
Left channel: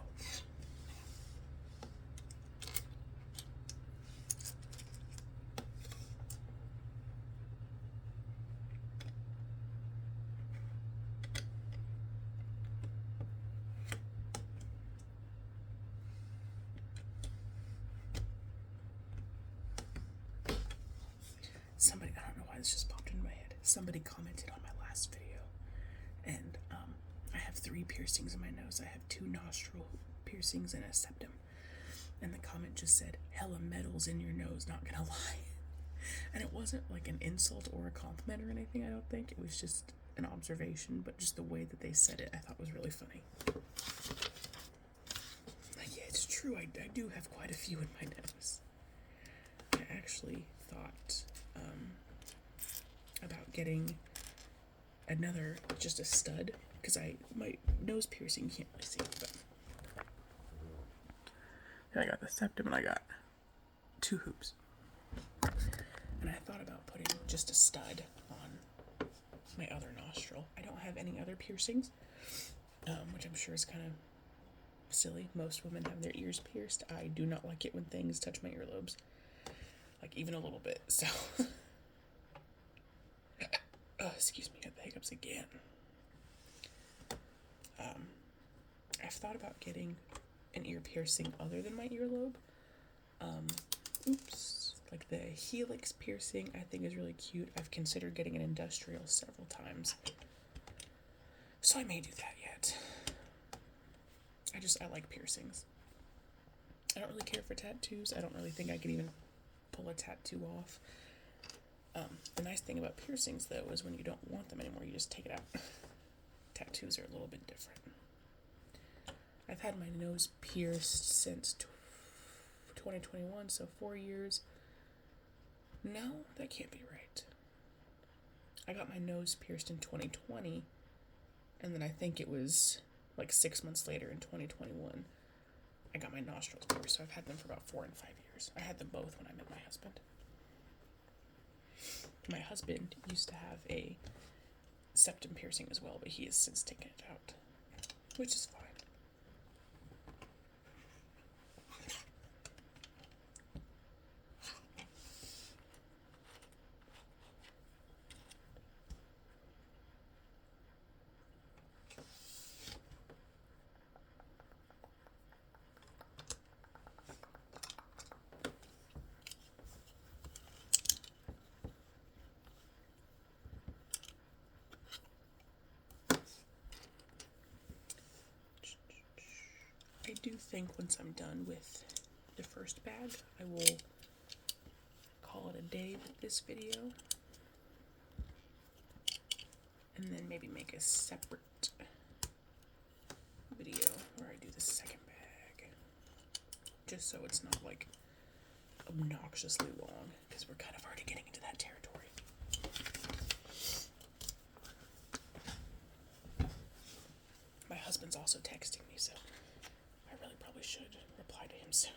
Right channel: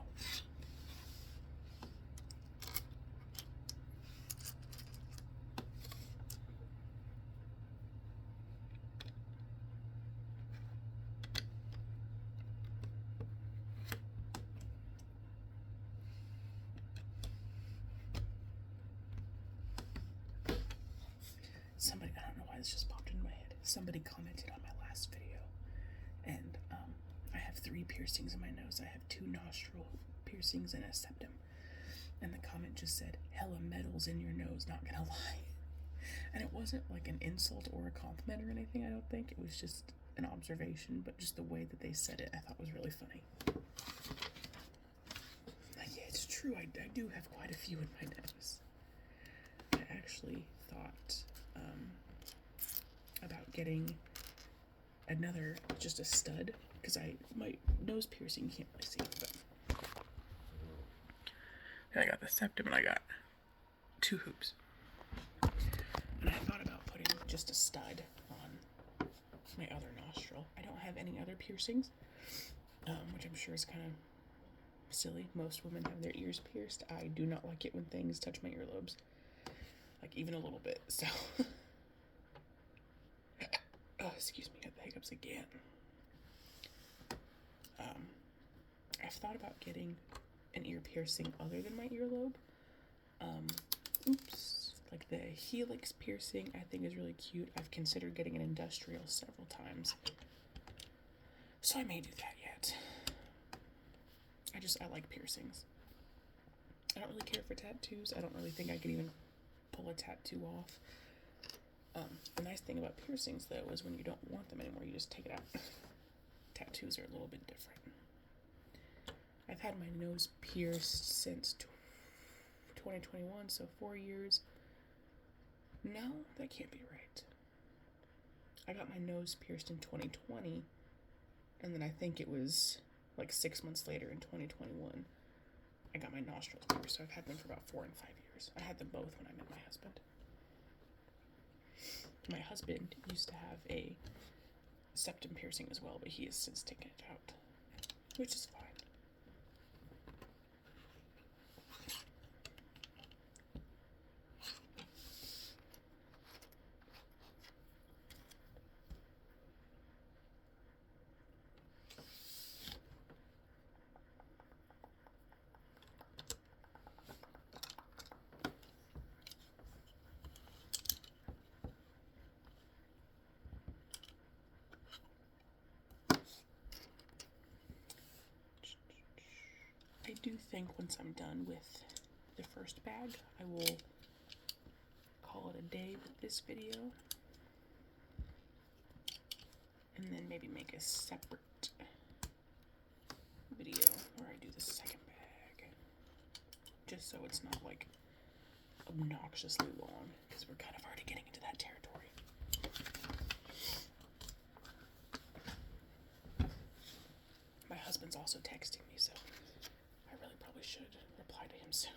Somebody, I don't know why this just popped into my head. Somebody commented on my last video, and I have 3 piercings in my nose. I have 2 nostril piercings and a septum. And the comment just said, "Hella metals in your nose, not gonna lie." And it wasn't an insult or a compliment or anything, I don't think. It was just an observation, but just the way that they said it, I thought was really funny. Yeah, it's true, I do have quite a few in my nose. I actually thought about getting another, just a stud, because my nose piercing, you can't really see, but I got the septum and I got 2 hoops. And I thought about putting just a stud on my other nostril. I don't have any other piercings, which I'm sure is kind of silly. Most women have their ears pierced. I do not like it when things touch my earlobes, even a little bit, so excuse me, I have the hiccups again. I've thought about getting an ear piercing other than my earlobe. The helix piercing I think is really cute. I've considered getting an industrial several times, so I may do that yet. I like piercings. I don't really care for tattoos. I don't really think I could even pull a tattoo off. The nice thing about piercings, though, is when you don't want them anymore, you just take it out. Tattoos are a little bit different. I've had my nose pierced since 2021, so 4 years. No, that can't be right. I got my nose pierced in 2020, and then I think it was like 6 months later in 2021, I got my nostrils pierced, so I've had them for about 4 and 5 years. I had them both when I met my husband. My husband used to have a septum piercing as well, but he has since taken it out, which is fine. I do think once I'm done with the first bag, I will call it a day with this video, and then maybe make a separate video where I do the second bag, just so it's not like obnoxiously long, because we're kind of already getting into that territory. My husband's also texting me, so I really probably should reply to him soon.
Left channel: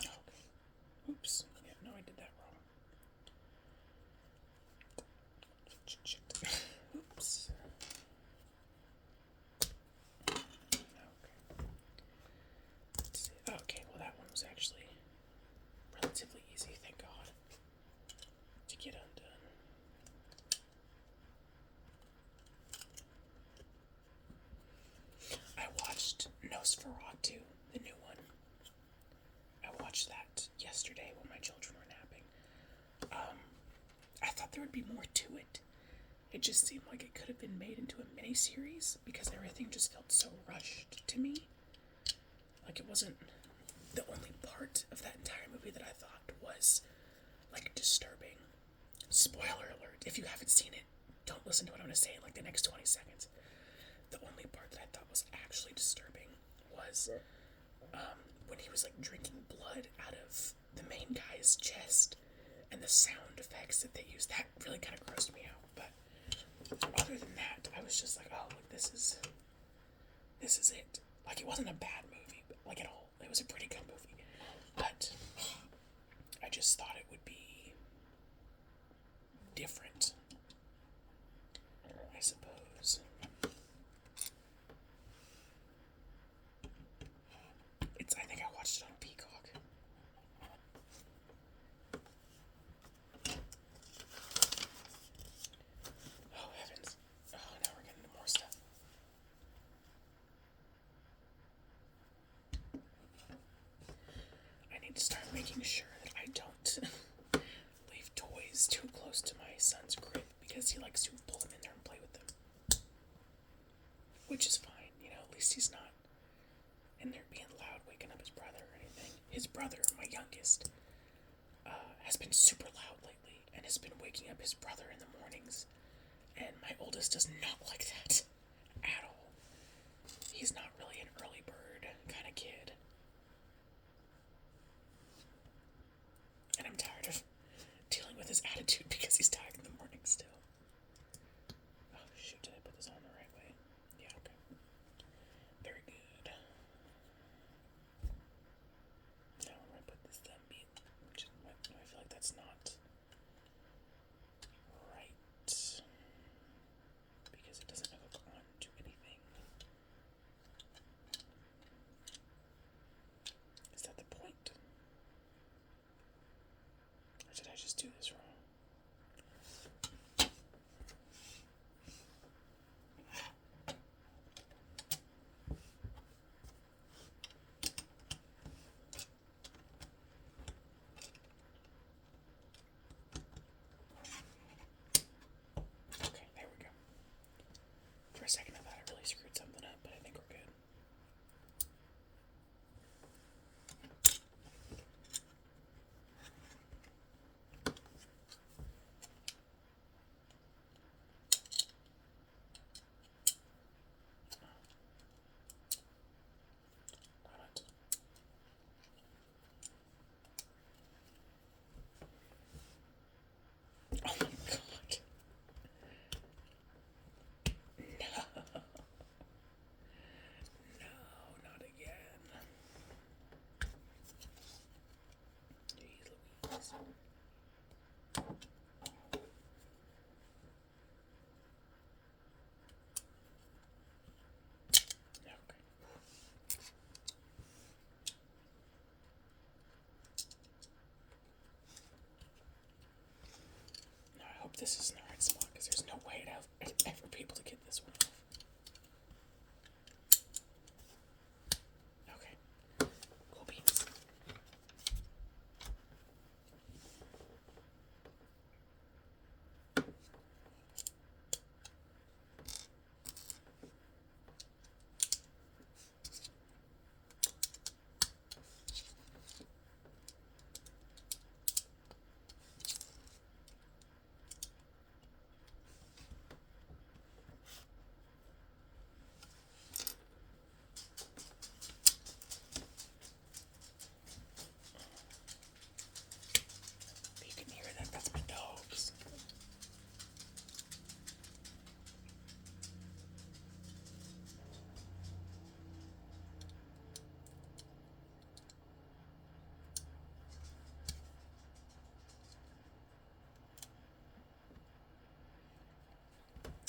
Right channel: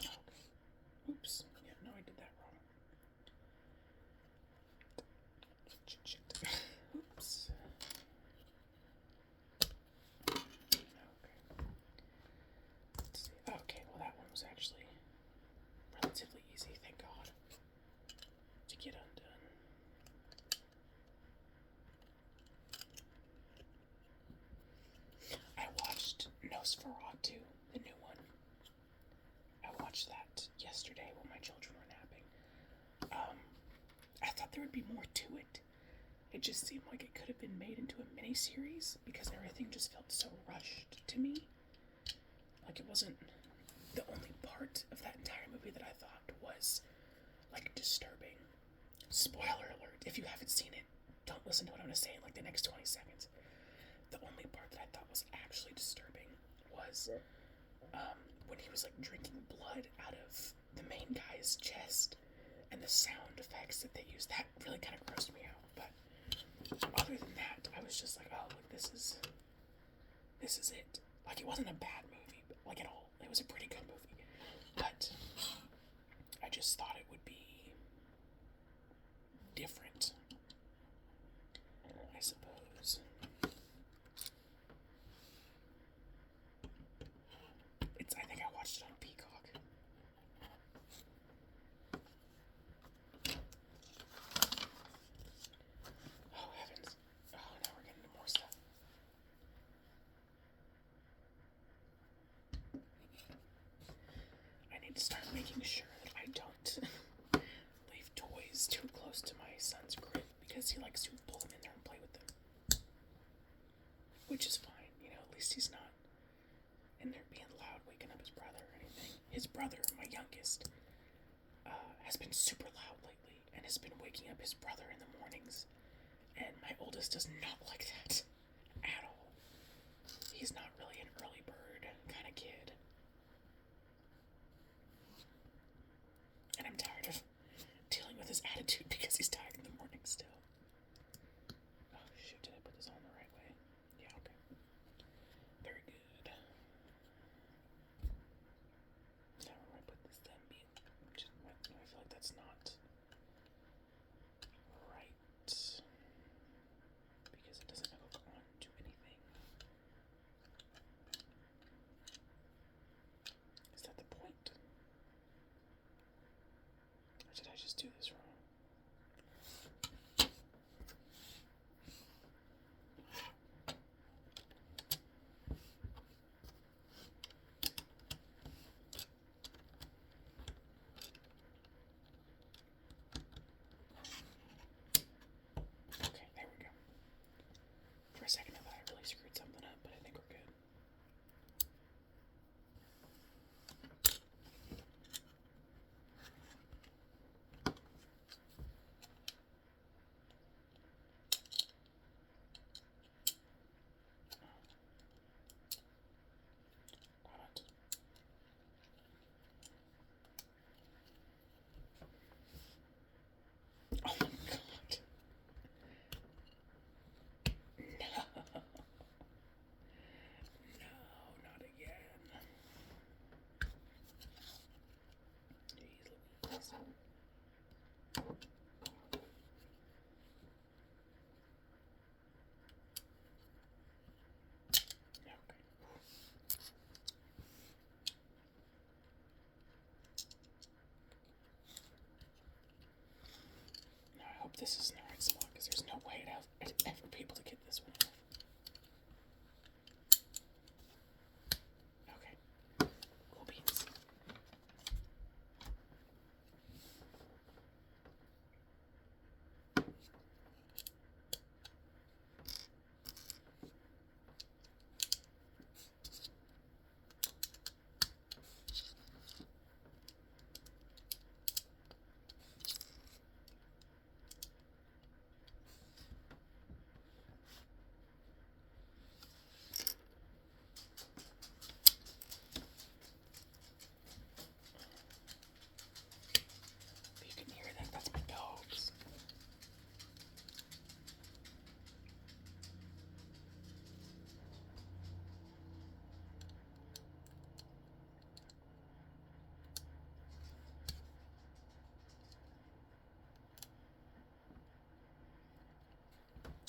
Okay. Oops. Yeah, no, I did that wrong. Oops. Okay. Let's see. Okay, well that one was actually relatively easy, thank God, to get undone. I watched Nosferatu, the new one. I watched that yesterday when my children were napping. I thought there would be more to it. It just seemed like it could have been made into a miniseries because everything just felt so rushed to me. Like it wasn't the only part of that entire movie that I thought was like disturbing. Spoiler alert, if you haven't seen it, don't listen to what I'm going to say in like the next 20 seconds. The only part that I thought was actually disturbing was when he was like drinking blood out of the main guy's chest, and the sound effects that they used, that really kind of grossed me out. But other than that, I was just like, oh, like this is it. Like it wasn't a bad movie, like at all. It was a pretty good movie, but I just thought it would be different, I suppose. I think I watched it on Peacock. Oh heavens. Oh, now we're getting into more stuff. I need to start making sure that I don't leave toys too close to my son's crib, because he likes to pull them in there and play with them. Which is fine, you know, at least he's not in there being loud, waking up his brother or anything. His brother, my youngest, has been super loud lately and has been waking up his brother in the mornings. And my oldest does not like that at all. He's not really an early bird kind of kid. And I'm tired of dealing with his attitude because he's tired in the morning still. Oh shoot, did I put this on the right way? Yeah, okay. Very good. Now I'm gonna put this thumb being just, I feel like that's not right, because it doesn't hook on to anything. Is that the point? Or did I just do this wrong? Oh my god. No. No, not again. Jeez Louise. Okay. Now I hope this isn't the right spot because there's no way I'd ever be able to get this one off. Okay. Cool beans. You can hear that. That's my dogs.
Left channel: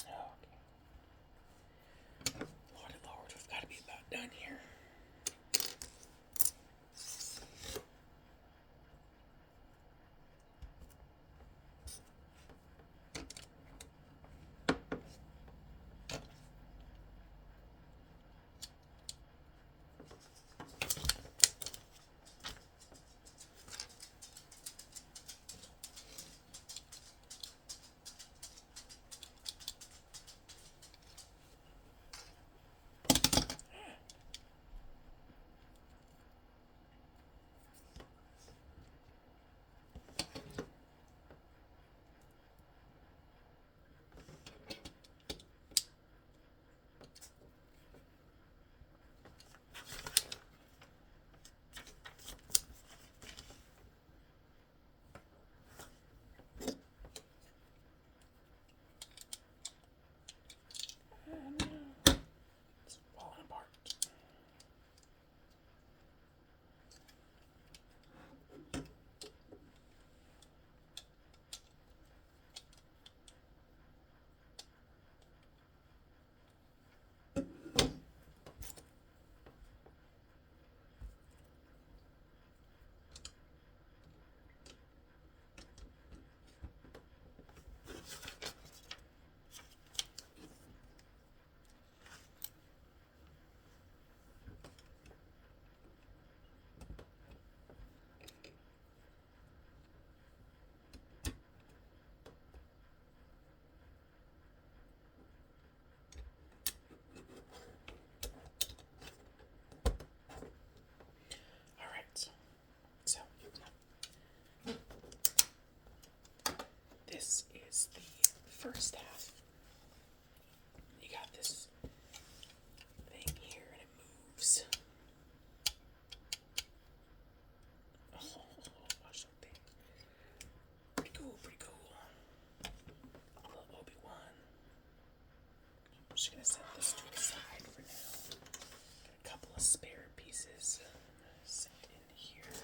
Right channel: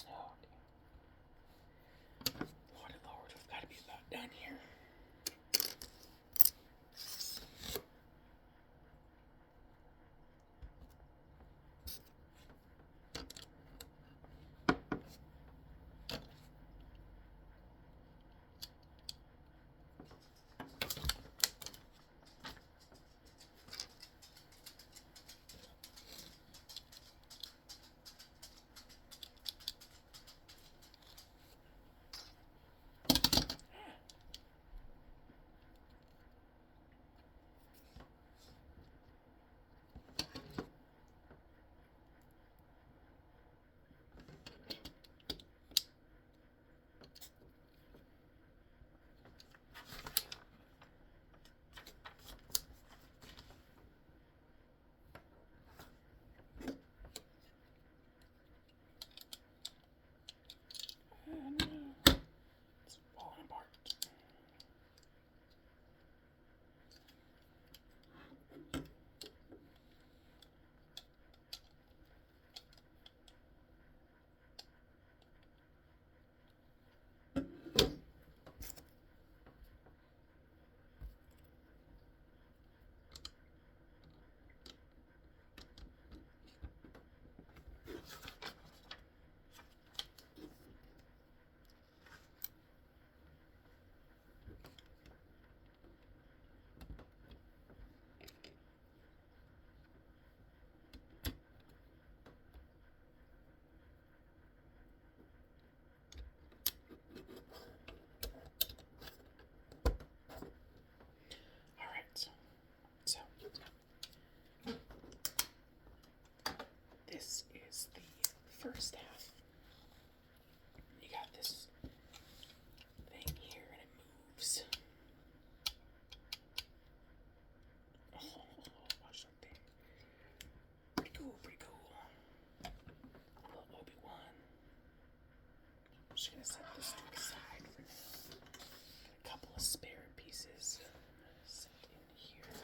Oh, okay. Lord, Lord, we've got to be about done here. No. It's falling apart. Alright. So, this is the first half. You got this thing here and it moves. Oh, watch that thing. Pretty cool, pretty cool. A little Obi-Wan. I'm just gonna set this to the side for now. Got a couple of spare pieces set in here.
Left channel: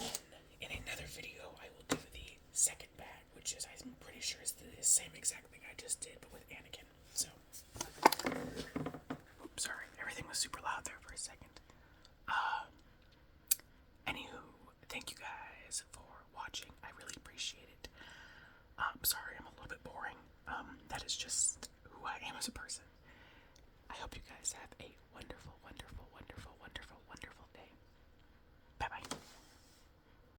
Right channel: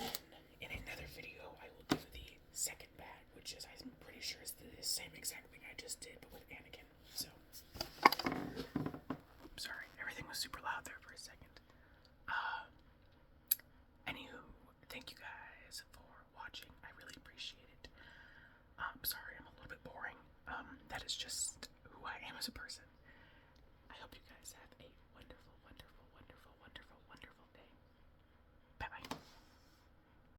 And then in another video, I will do the second bag, which is, I'm pretty sure, is the same exact thing I just did, but with Anakin. So, oops, sorry, everything was super loud there for a second. Anywho, thank you guys for watching. I really appreciate it. Sorry, I'm a little bit boring. That is just who I am as a person. I hope you guys have a